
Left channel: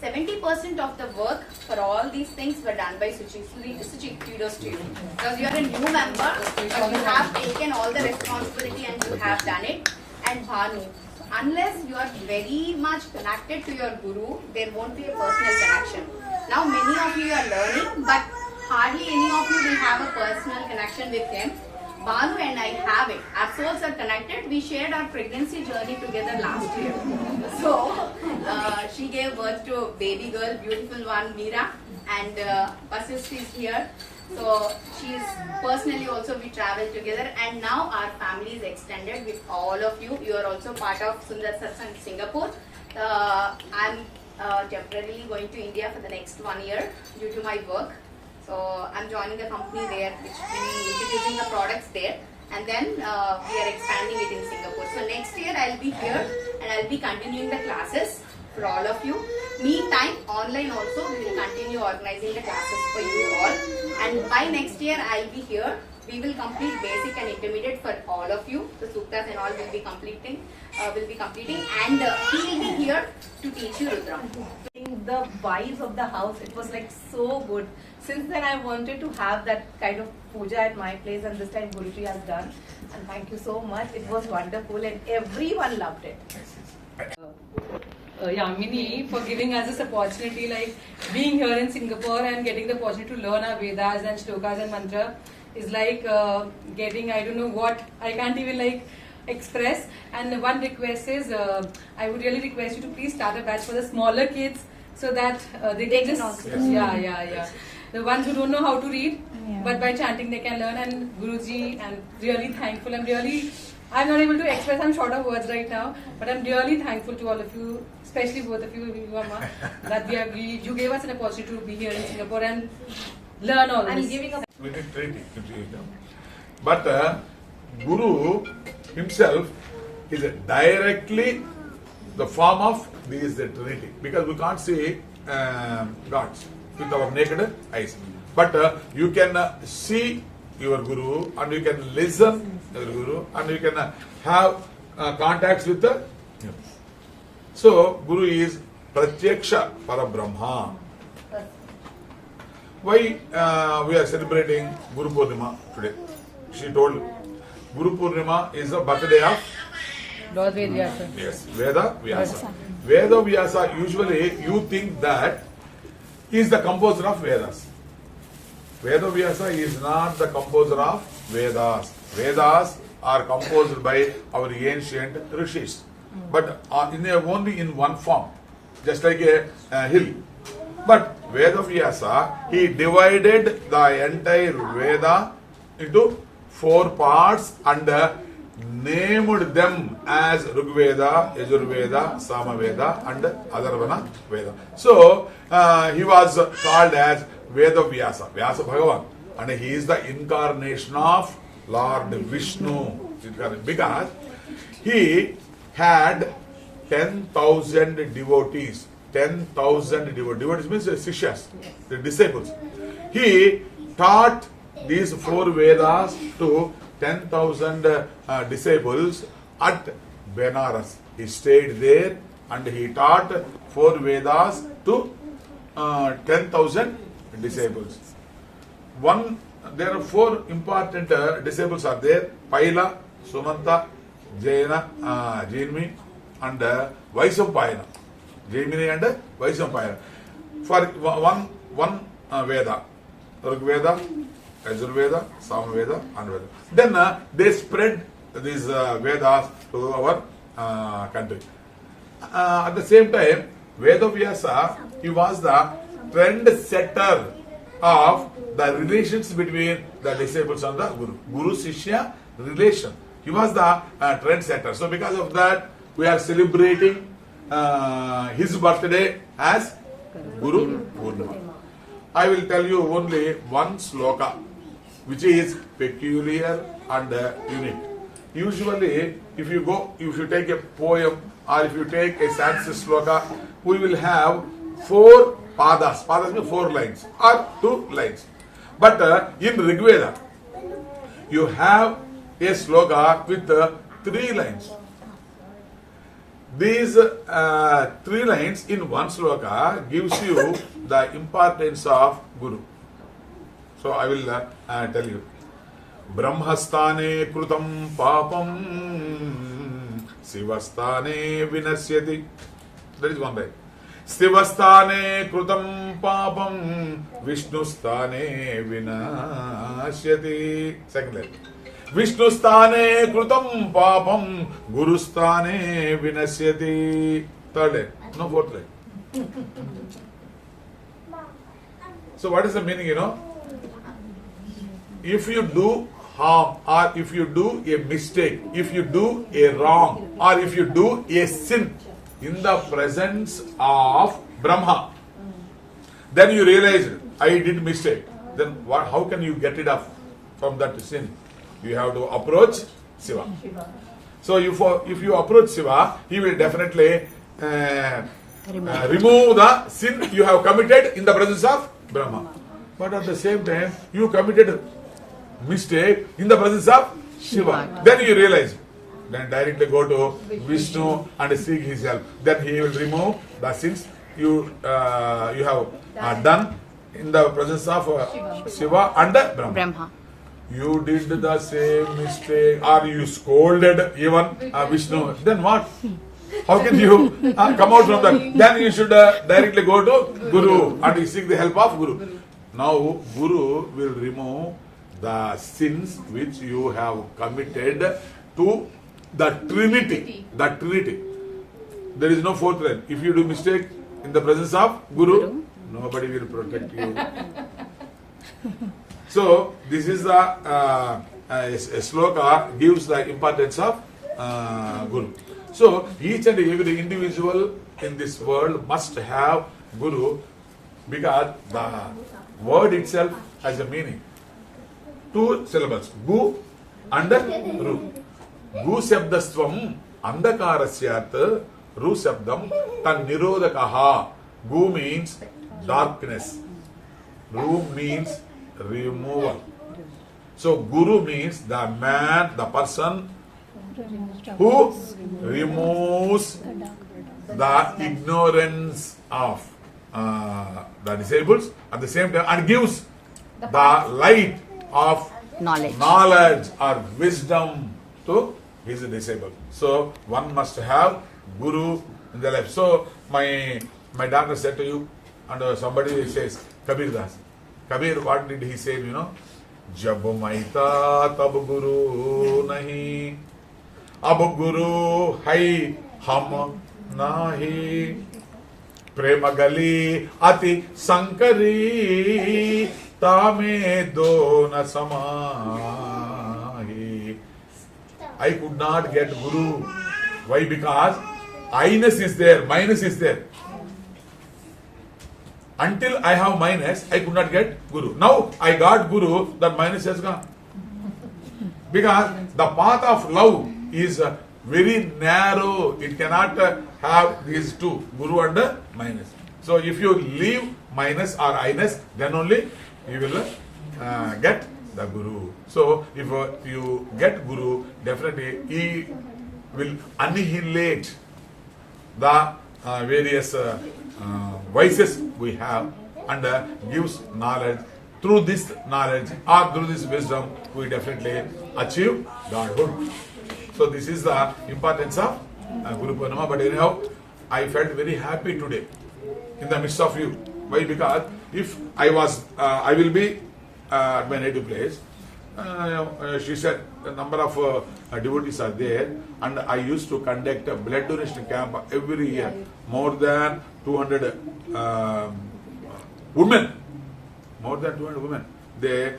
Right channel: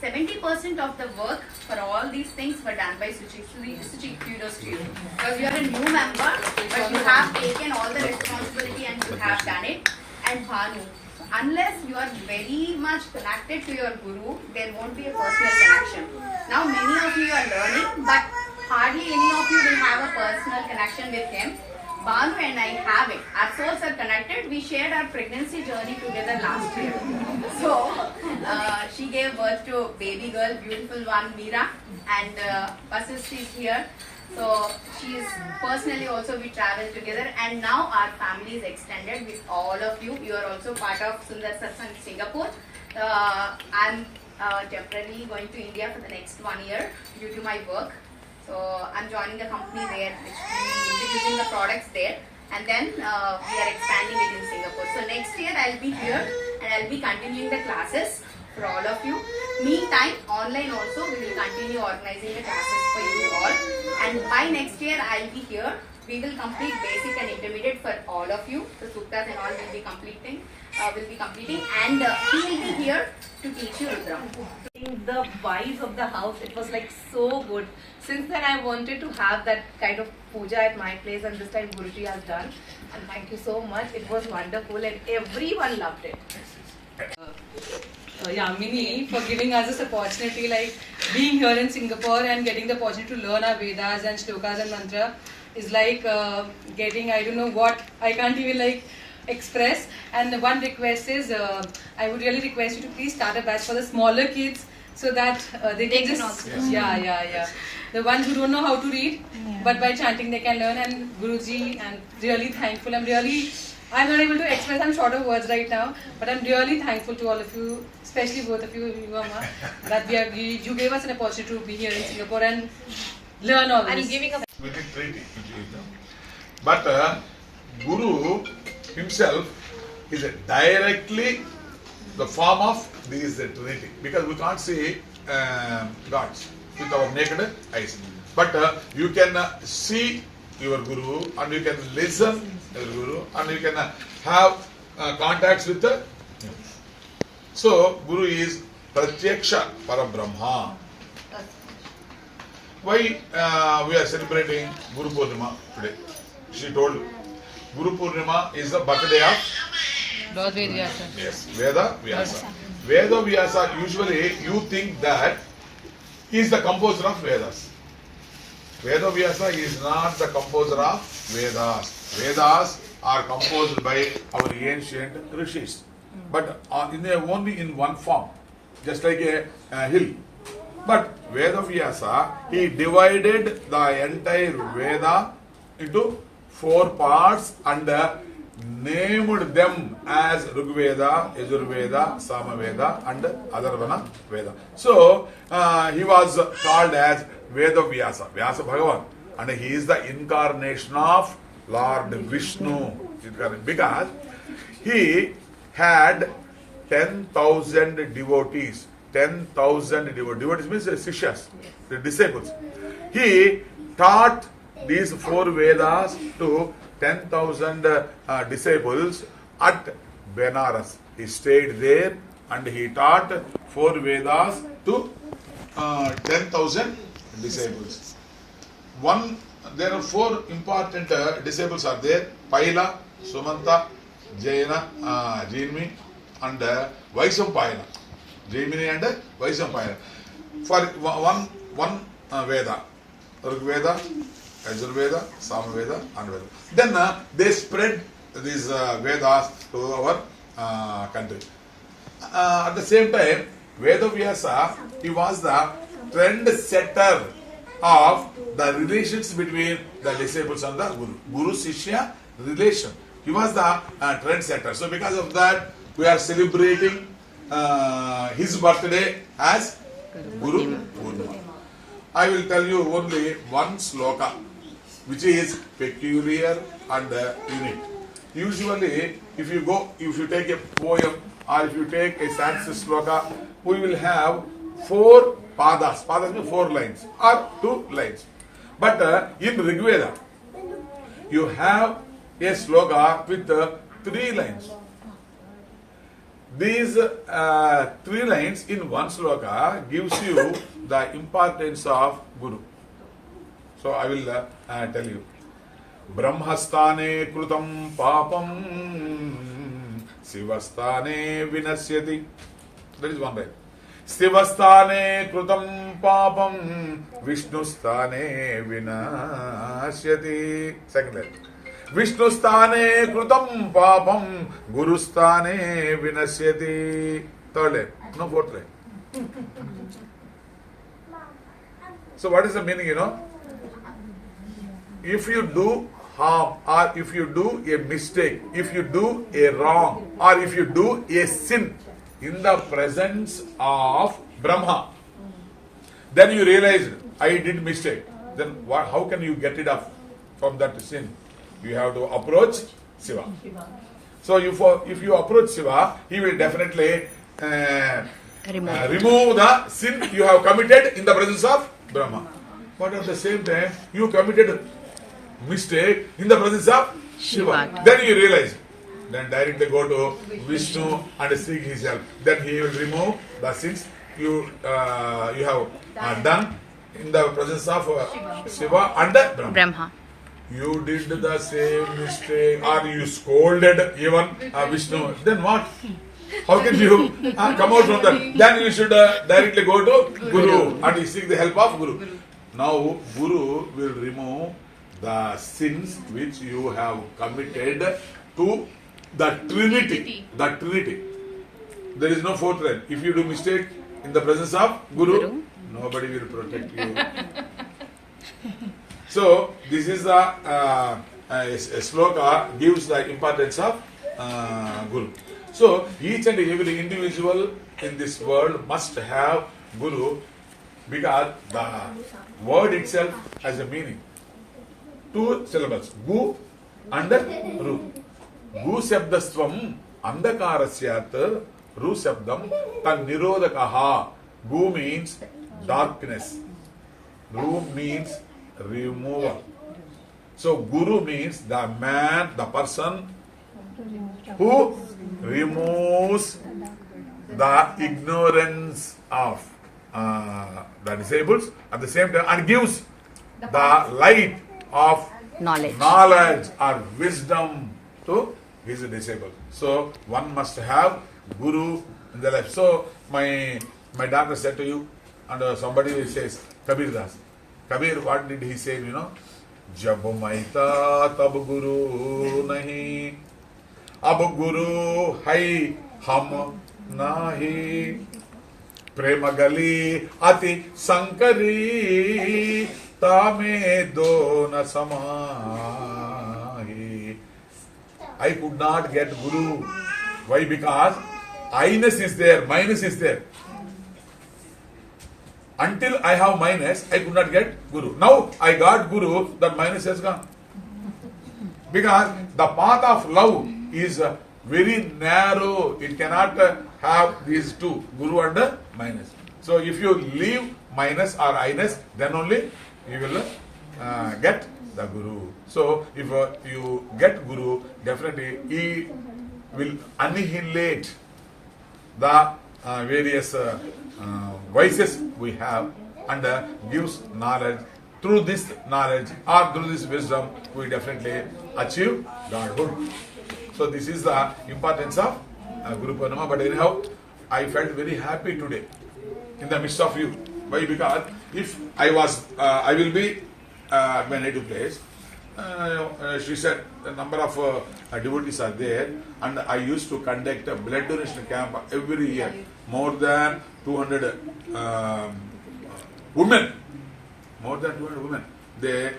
70% of the work for all these things were done by Suchi. Suchi, kudos to you. Because you are a new member, but you have taken all the responsibility and you have done it. And Bhanu, unless you are very much connected to your guru, there won't be a personal connection. Now many of you are learning, but hardly any of you will have a personal connection with him. Bhanu and I have it. Our souls are connected. We shared our pregnancy journey together last year. So, she gave birth to a baby girl, beautiful one, Meera, and Vasist is here. So, she is personally also, we travel together, and now our family is extended with all of you. You are also part of Sundar Satsang Singapore. I'm temporarily going to India for the next 1 year due to my work. So I'm joining a company there, which will be introducing the products there, and then we are expanding it in Singapore. So next year I'll be here and I'll be continuing the classes for all of you. Meantime, online also we will continue organizing the classes for you all. And by next year I'll be here. We will complete basic and intermediate for all of you. The suktas and all will be completing, and he will be here to teach you Rudra. The vibes of the house, it was like so good. Since then I wanted to have that kind of puja at my place, and this time Guruji has done. And thank you so much. It was wonderful and everyone loved it. Yamini for giving us this opportunity, like being here in Singapore and getting the opportunity to learn our Vedas and shlokas and mantra is like getting, I don't know what, I can't even like express. And one request is, I would really request you to please start a batch for the smaller kids so that they can just, yeah. The ones who don't know how to read, but by chanting they can learn. And Guruji, I'm really thankful. I'm not able to express, I'm short of words right now, but I'm really thankful to all of you, especially both of you, Amma, that you gave us an opportunity to be here in Singapore and learn all this. Within 3 days. But Guru himself is directly the form of this Trinity, because we can't see gods with our naked eyes. But you can see your Guru, and you can listen to your Guru, and you can have contacts with the. So Guru is Pratyaksha Parabrahma. Why we are celebrating Guru Purnima today? She told Guru Purnima is the birthday of Lord Ved Vyasa. Yes, Veda Vyasa. Veda Vyasa, usually you think that he is the composer of Vedas. Veda Vyasa is not the composer of Vedas. Vedas are composed by our ancient rishis, but only in one form, just like a hill. But Veda Vyasa, he divided the entire Veda into 4 parts and named them as Rigveda, Yajurveda, Samaveda and Atharvana Veda. So he was called as Veda Vyasa, Vyasa Bhagavan, and he is the incarnation of Lord Vishnu, because he had 10,000 devotees. 10,000 devotees means Sishyas, the disciples. He taught these 4 Vedas to 10,000 disciples at Benares. He stayed there and he taught 4 Vedas to 10,000 disciples. There are 4 important disciples are there: Paila, Sumanta, Jaina, Jainmi and Vaisampayana. Jaimini and Vaisampayana. For one Veda, Rigveda, Yajurveda, Samaveda and Veda. Then they spread these Vedas to our country. At the same time, Veda Vyasa, he was the trend setter of the relations between the disciples and the Guru. Guru-Sishya relation. He was the trend setter. So because of that, we are celebrating his birthday as Guru Purnima. I will tell you only one sloka which is peculiar and unique. Usually, if you take a poem or if you take a Sanskrit sloka, we will have 4 padas. Padas means 4 lines or 2 lines. But in Rigveda, you have a sloka with 3 lines. These 3 lines in one sloka gives you the importance of Guru. So I will tell you. Brahmastane krutam papam Sivastane vinasyati. That is one line. Sivastane krutam papam Vishnustane vinasyati. Second line. Vishnustane krutam papam Gurustane vinasyati. Third line. No, fourth line. So what is the meaning, If you do harm, or if you do a mistake, if you do a wrong, or if you do a sin in the presence of Brahma. Then you realize, I did mistake. Then what? How can you get it off from that sin? You have to approach Shiva. So if you approach Shiva, he will definitely remove the sin you have committed in the presence of Brahma. But at the same time, you committed mistake in the presence of Shiva. Then you realize. Then directly go to Vishnu and seek his help. Then he will remove the sins you have done in the presence of Shiva and Brahma. You did the same mistake, or you scolded even Vishnu. Then what? How can you come out from that? Then you should directly go to Guru and seek the help of Guru. Now Guru will remove the sins which you have committed to the Trinity. The Trinity. There is no fourth realm. If you do mistake in the presence of Guru, nobody will protect you. So this is the a sloka gives the importance of Guru. So each and every individual in this world must have Guru, because the word itself has a meaning. 2 syllables, Gu and Ru. Gu shabdastvam andakarasyat, Ru shabdam tan nirodakaha. Gu means darkness. Ru means removal. So Guru means the man, the person who removes the ignorance of the disabled at the same time and gives the light of knowledge or wisdom to his disabled. So one must have Guru in their life. So my daughter said to you, and somebody says, Kabir Das. Kabir, what did he say, you know? Jab maita tab guru nahi, ab guru hai hum nahi, prema gali ati sankari, tame do na samahi. I could not get Guru. Why? Because I-ness is there, minus is there. Until I have minus, I could not get Guru. Now I got Guru, that minus has gone. Because the path of love is very narrow. It cannot have these two, Guru and minus. So if you leave minus or I-ness, then only you will get the Guru. So if you get Guru, definitely he will annihilate the various vices we have and gives knowledge. Through this knowledge or through this wisdom, we definitely achieve Godhood. So this is the importance of Guru Purnima. But anyhow, I felt very happy today in the midst of you. Why? Because if I will be at my native place. She said a number of devotees are there, and I used to conduct a blood donation camp every year. More than 200 women, they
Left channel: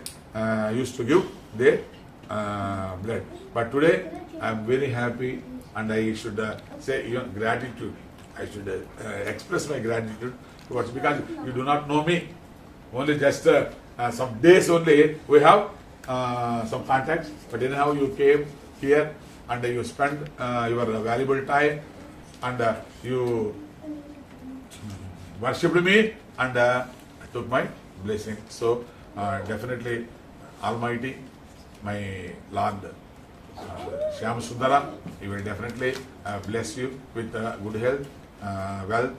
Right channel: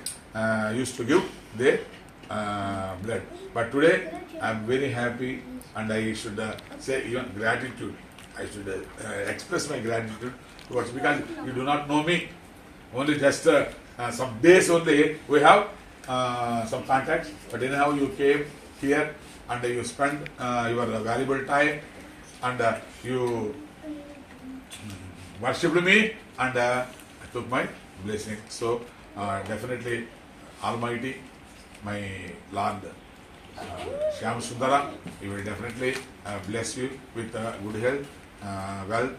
used to give their blood. But today I am very happy, and I should say even gratitude. I should express my gratitude towards, because you do not know me. Only just some days only we have some contacts, but anyhow you came here and you spent your valuable time and you worshipped me and took my blessing. So definitely Almighty, my Lord Shyam Sundara, He will definitely bless you with good health, wealth,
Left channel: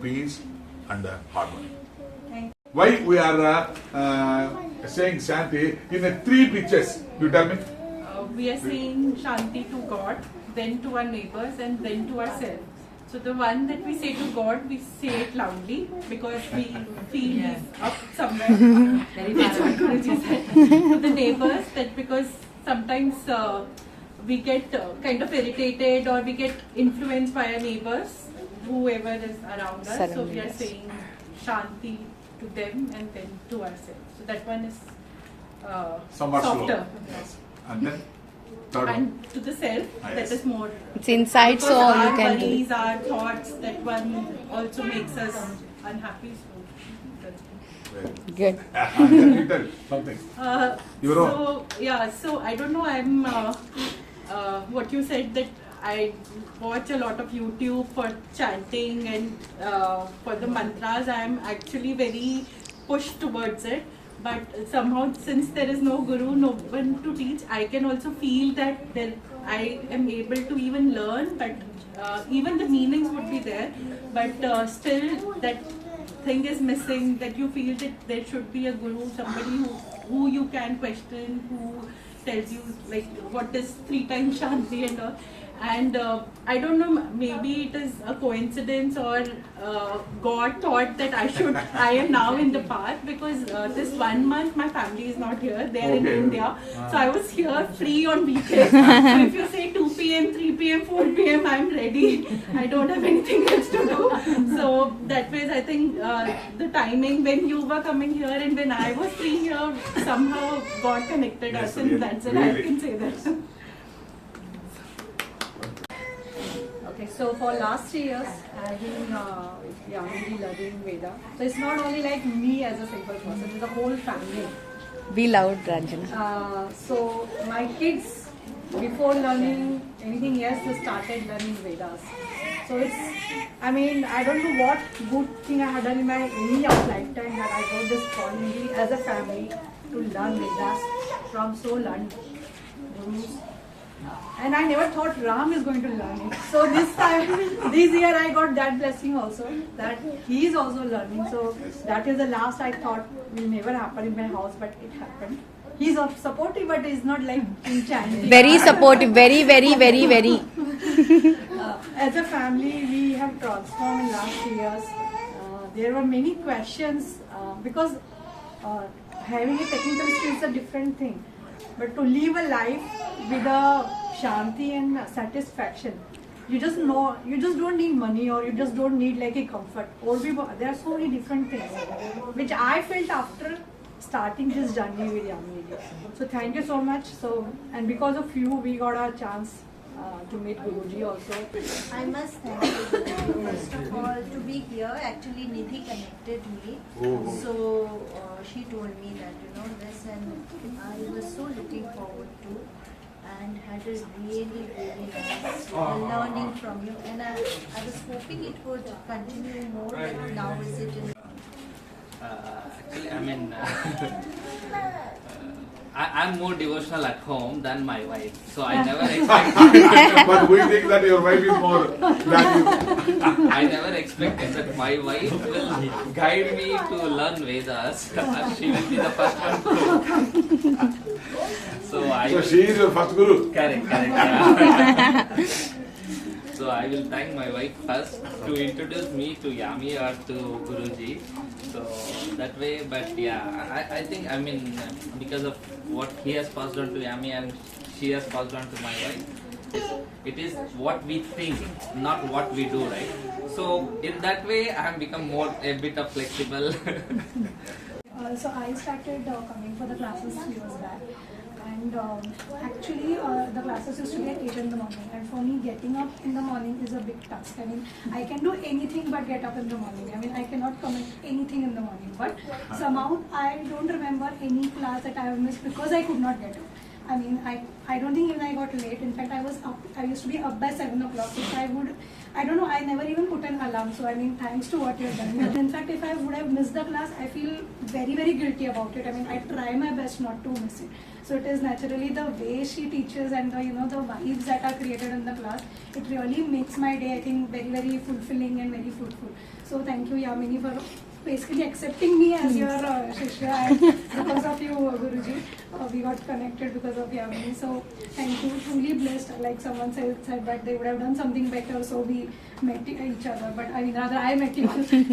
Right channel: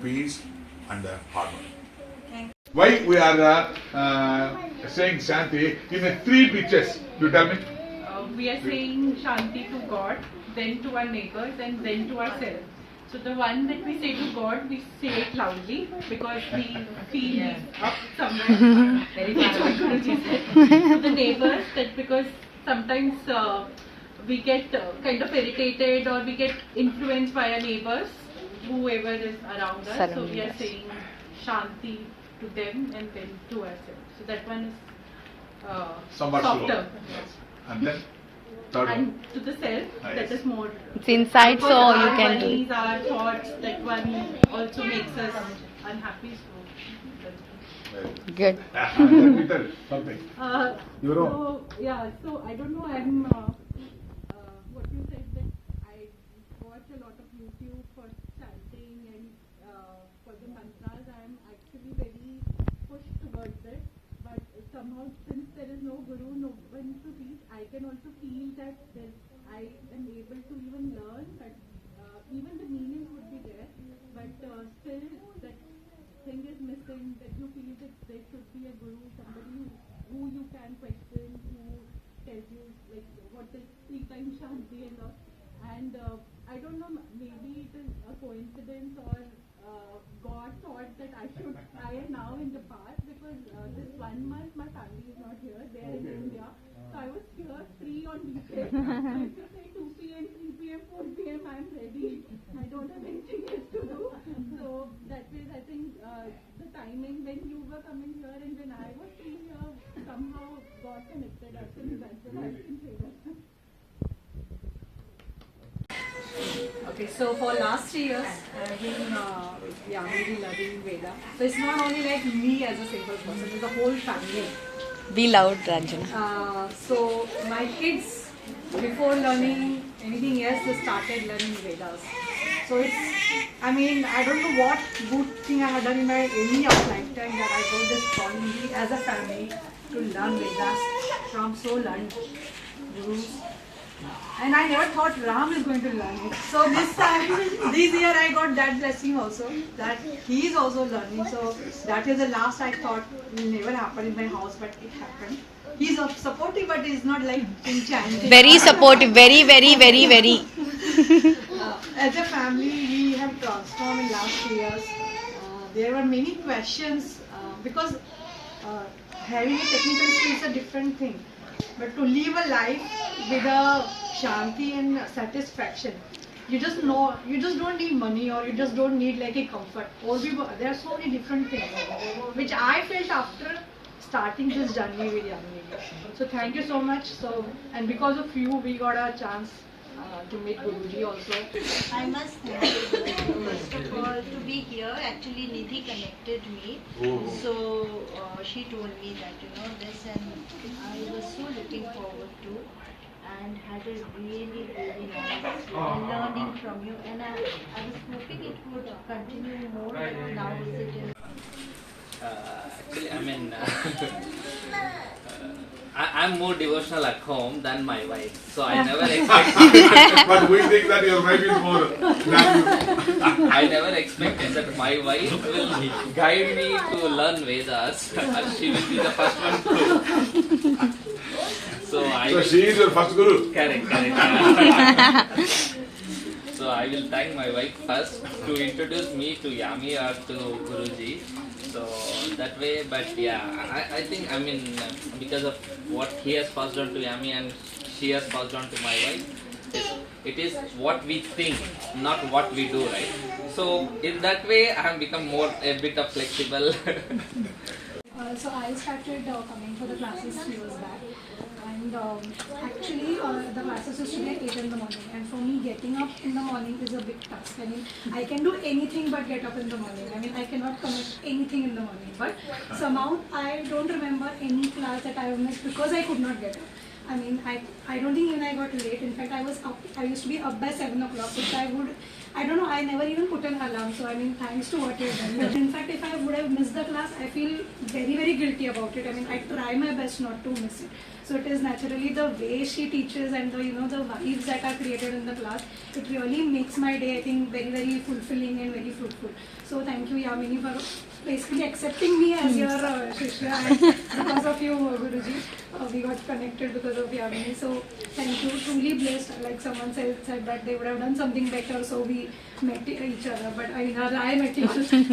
peace and harmony. Why we are saying Shanti in 3 pictures? You tell me. We are saying Shanti to God, then to our neighbors, and then to ourselves. So the one that we say to God, we say it loudly because we feel he's up somewhere. Very to the neighbors, that because sometimes we get kind of irritated or we get influenced by our neighbors, whoever is around us. So we are saying Shanti to them and then to ourselves. So that one is somewhat softer. slow. Yes. And then Third one. And to the self, that yes. is more. It's inside, Because so you our can do worries, it. our thoughts, that one also makes us unhappy. Very Good. And then you tell something. Your own. So yeah, so I don't know. I'm what you said, that I watch a lot of YouTube for chanting and for the mantras. I'm actually very pushed towards it. But somehow, since there is no guru, no one to teach, I can also feel that I am able to even learn. But even the meanings would be there. But still, that thing is missing, that you feel that there should be a guru, somebody who you can question, who tells you like what is 3 times Shanti and all. And I don't know, maybe it is a coincidence, or God thought that I am now in the path, because this 1 month my family is not here, they are in Okay. India. So I was here free on weekends. So if you say 2 p.m., 3 p.m., 4 p.m, I'm ready. I don't have anything else to do. So that way, I think the timing when you were coming here and when I was free here, somehow God connected Yes, us, and really, that's it. I really. can say that. Okay, so for last 3 years, I've been really loving Veda. So it's not only like me as a single person, it's the whole family. Be loud, Ranjana. So my kids, before learning anything else, they started learning Vedas. So it's, I mean, I don't know what good thing I have done in my any other lifetime, that I got this opportunity as a family to learn Vedas from so learned gurus. And I never thought Ram is going to learn it. So this time, this year I got that blessing also, that he is also learning. So that is the last I thought will never happen in my house, but it happened. He's supportive, but he's not like enchanting. Very supportive. Very, very, very, very. As a family, we have transformed in last 3 years. There were many questions because having a technical skill is a different thing. But to live a life with a shanti and satisfaction, you just don't need money, or you just don't need like a comfort. There are so many different things which I felt after starting this journey with Yamini. So thank you so much. So, and because of you, we got a chance to meet Guruji also. I must thank you first of all to be here. Actually, Nidhi connected me. So she told me that this, and I was so looking forward to, and had a really nice learning from you. And I was hoping it would continue more. Now is it in? Actually, I mean, I'm more devotional at home than my wife, so I never expect. But we think that your wife is more than I never expected that my wife will guide me to learn Vedas. She will be the first one to. So she is your first guru. Correct. Yeah. So I will thank my wife first to introduce me to Yami or to Guruji. So that way, but yeah, I think, I mean, because of what he has passed on to Yami and she has passed on to my wife, it is what we think, not what we do, right? So in that way, I have become a bit of flexible. So I started coming for the classes 2 years back, and actually the classes used to get 8 in the morning, and for me getting up in the morning is a big task. I mean, I can do anything but get up in the morning. I mean, I cannot commit anything in the morning, but somehow I don't remember any class that I have missed because I could not get up. I mean, I don't think even I got late. In fact, I used to be up by 7 o'clock, which I don't know, I never even put an alarm. So I mean, thanks to what you have done. But in fact, if I would have missed the class, I feel very, very guilty about it. I mean, I try my best not to miss it. So it is naturally the way she teaches and the the vibes that are created in the class. It really makes my day, I think, very, very fulfilling and very fruitful. So thank you, Yamini, for basically accepting me as your Shishya, and because of you, Guruji, we got connected because of Yamini. So thank you, truly blessed. Like someone said that they would have done something better, so we met each other. But I met you,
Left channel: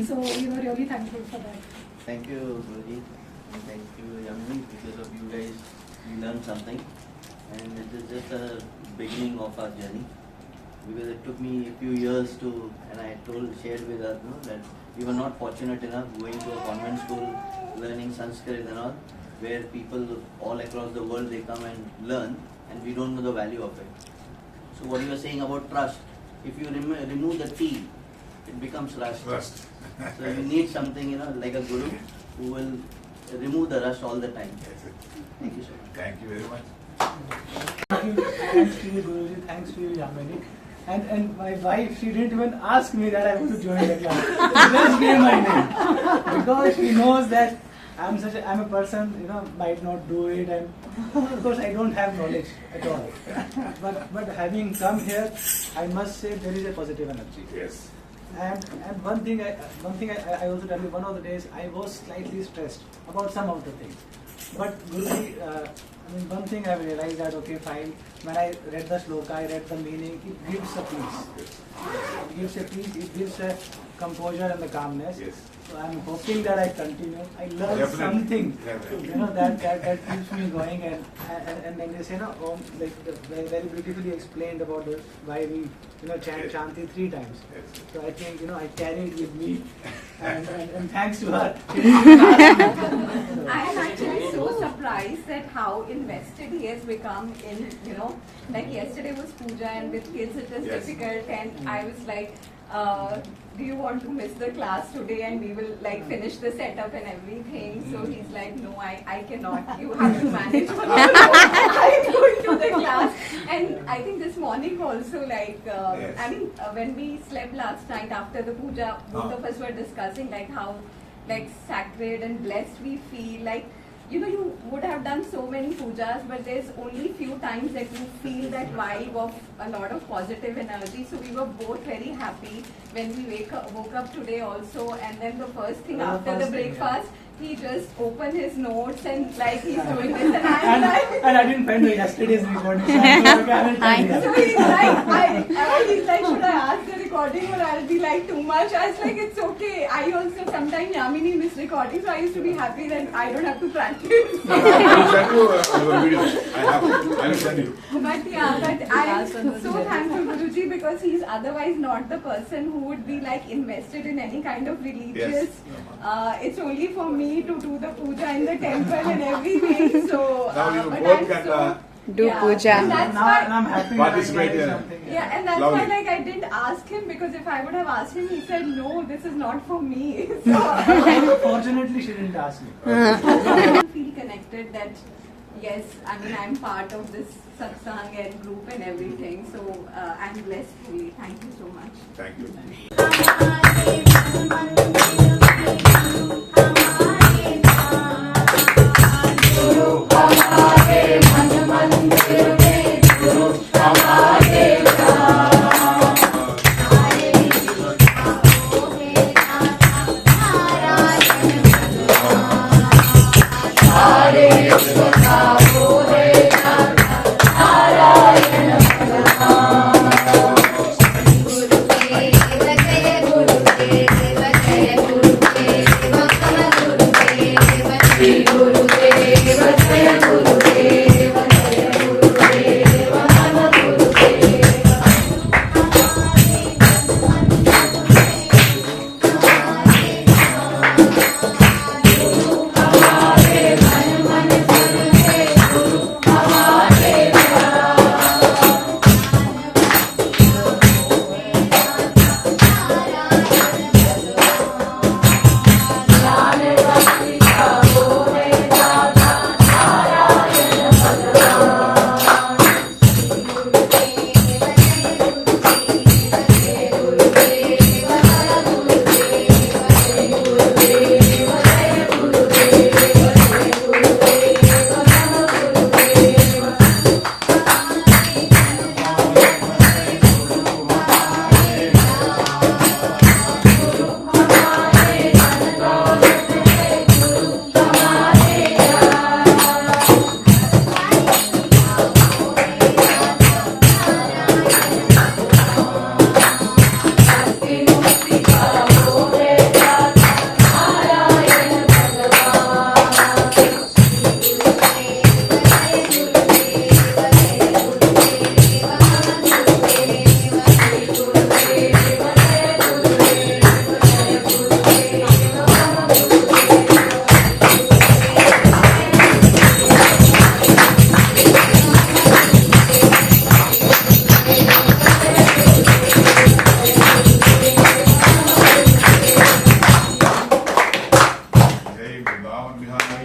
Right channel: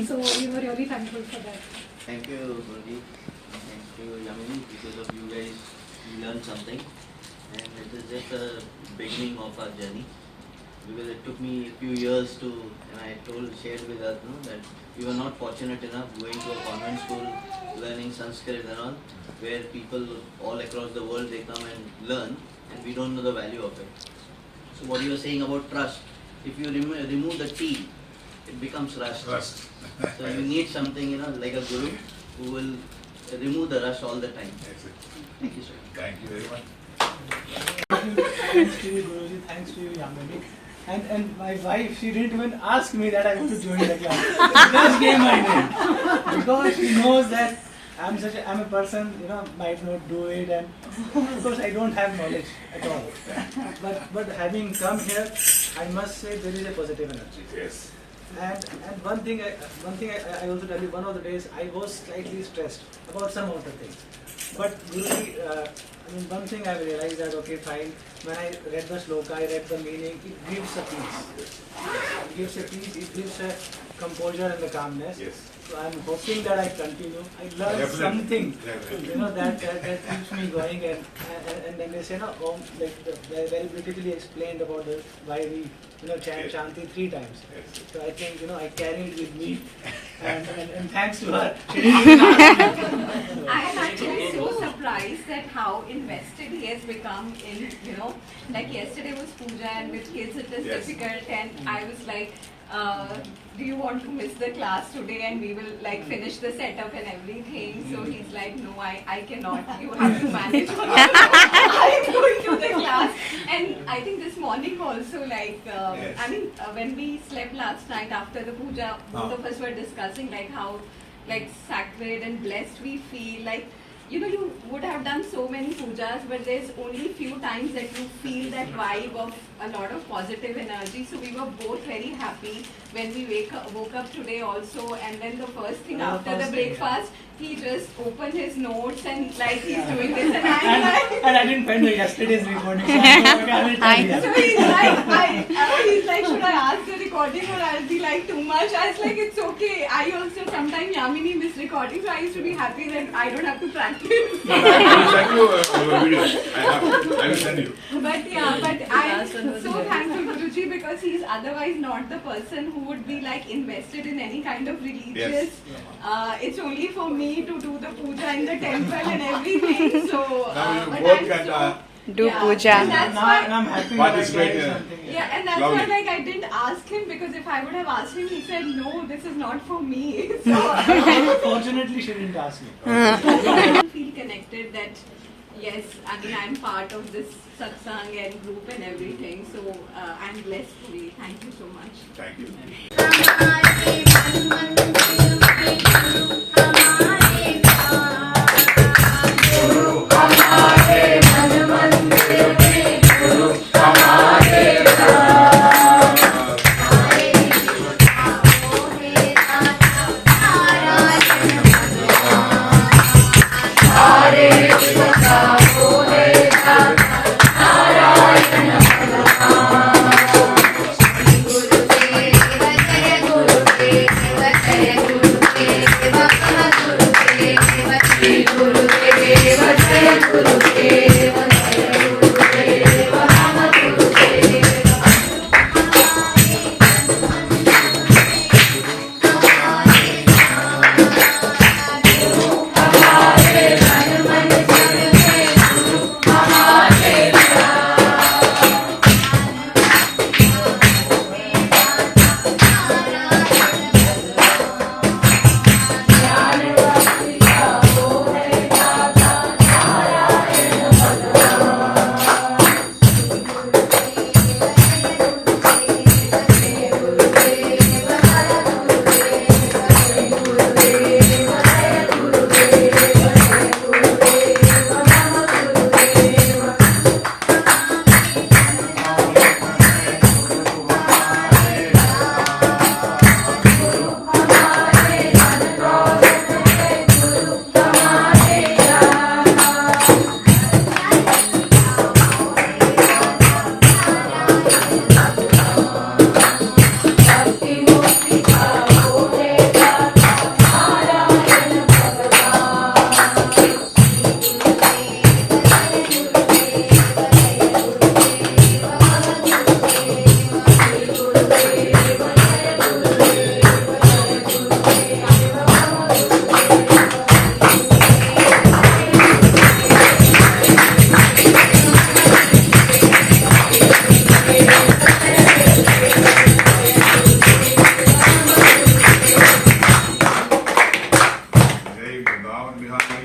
so we were really thankful for that. Thank you, Guruji. Thank you, Yamini. Because of you guys, we learned something, and it is just the beginning of our journey. Because it took me a few years to, and I shared with her that we were not fortunate enough going to a convent school, learning Sanskrit and all, where people all across the world they come and learn. and we don't know the value of it. So what you were saying about trust, if you remove the T, it becomes rust. Trust. So you need something, you know, like a guru who will remove the rust all the time. That's it. Thank you, sir. Thank you very much. Thanks to you, Guruji. Thanks to you, Yamini. And my wife, she didn't even ask me that I want to join the class. She just gave my name because she knows that I'm a person, you know, might not do it, and because I don't have knowledge at all. But having come here, I must say there is a positive energy. Yes. And one thing I also tell you, one of the days I was slightly stressed about some of the things. But Guruji, I mean, one thing I realized that, okay, fine, when I read the sloka, I read the meaning, it gives a peace. It gives a peace, it gives a composure and the calmness. Yes. So I'm hoping that I continue. I learned Definitely. something, Definitely. you know, that keeps me going. And then they say, no, very beautifully explained about why we, you know, chant Yes. Shanti 3 times. Yes. So I think, you know, I carry it with me. And thanks to her. She didn't even ask me. I am actually so surprised at how invested he has become in, you know, like yesterday was puja and with kids it is Yes. difficult, and I was like, do you want to miss the class today and we will like finish the setup and everything? So he's like, no, I cannot. You have to manage. I'm going to the class. And I think this morning also, like, Yes. I mean, when we slept last night after the puja, both of us were discussing like how like sacred and blessed we feel. Like, you know, you would have done so many pujas, but there's only few times that you feel that vibe of a lot of positive energy. So we were both very happy when we woke up today also, and then the first thing Yeah, after the first thing, breakfast, he just opened his notes and like he's doing this, and I'm like. And I didn't find yesterday's recording, so I thought, okay, I will tell you. So he's like, he's like, should I ask the recording or I'll be like too much? I was like, it's okay. I also sometimes Yamini miss recording, so I used to be happy that I don't have to practice. I will send you your video. I will send you. But yeah, but I'm so thankful Guruji because he's otherwise not the person who would be like invested in any kind of religious. It's only for me to do the puja in the temple and everything. So, Now you but both I'm can so. Do Yeah. puja. And that's Now why, I'm happy Participate, that I carry yeah. something. yeah, and that's Lovely. why like I didn't ask him because if I would have asked him, he said no, this is not for me. So Fortunately, she didn't ask me. I feel connected that yes, I mean I'm part of this satsang and group and everything. So I'm blessed fully. Thank you so much. Thank you. Guru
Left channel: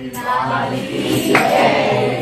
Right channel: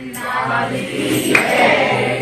लाल की जय।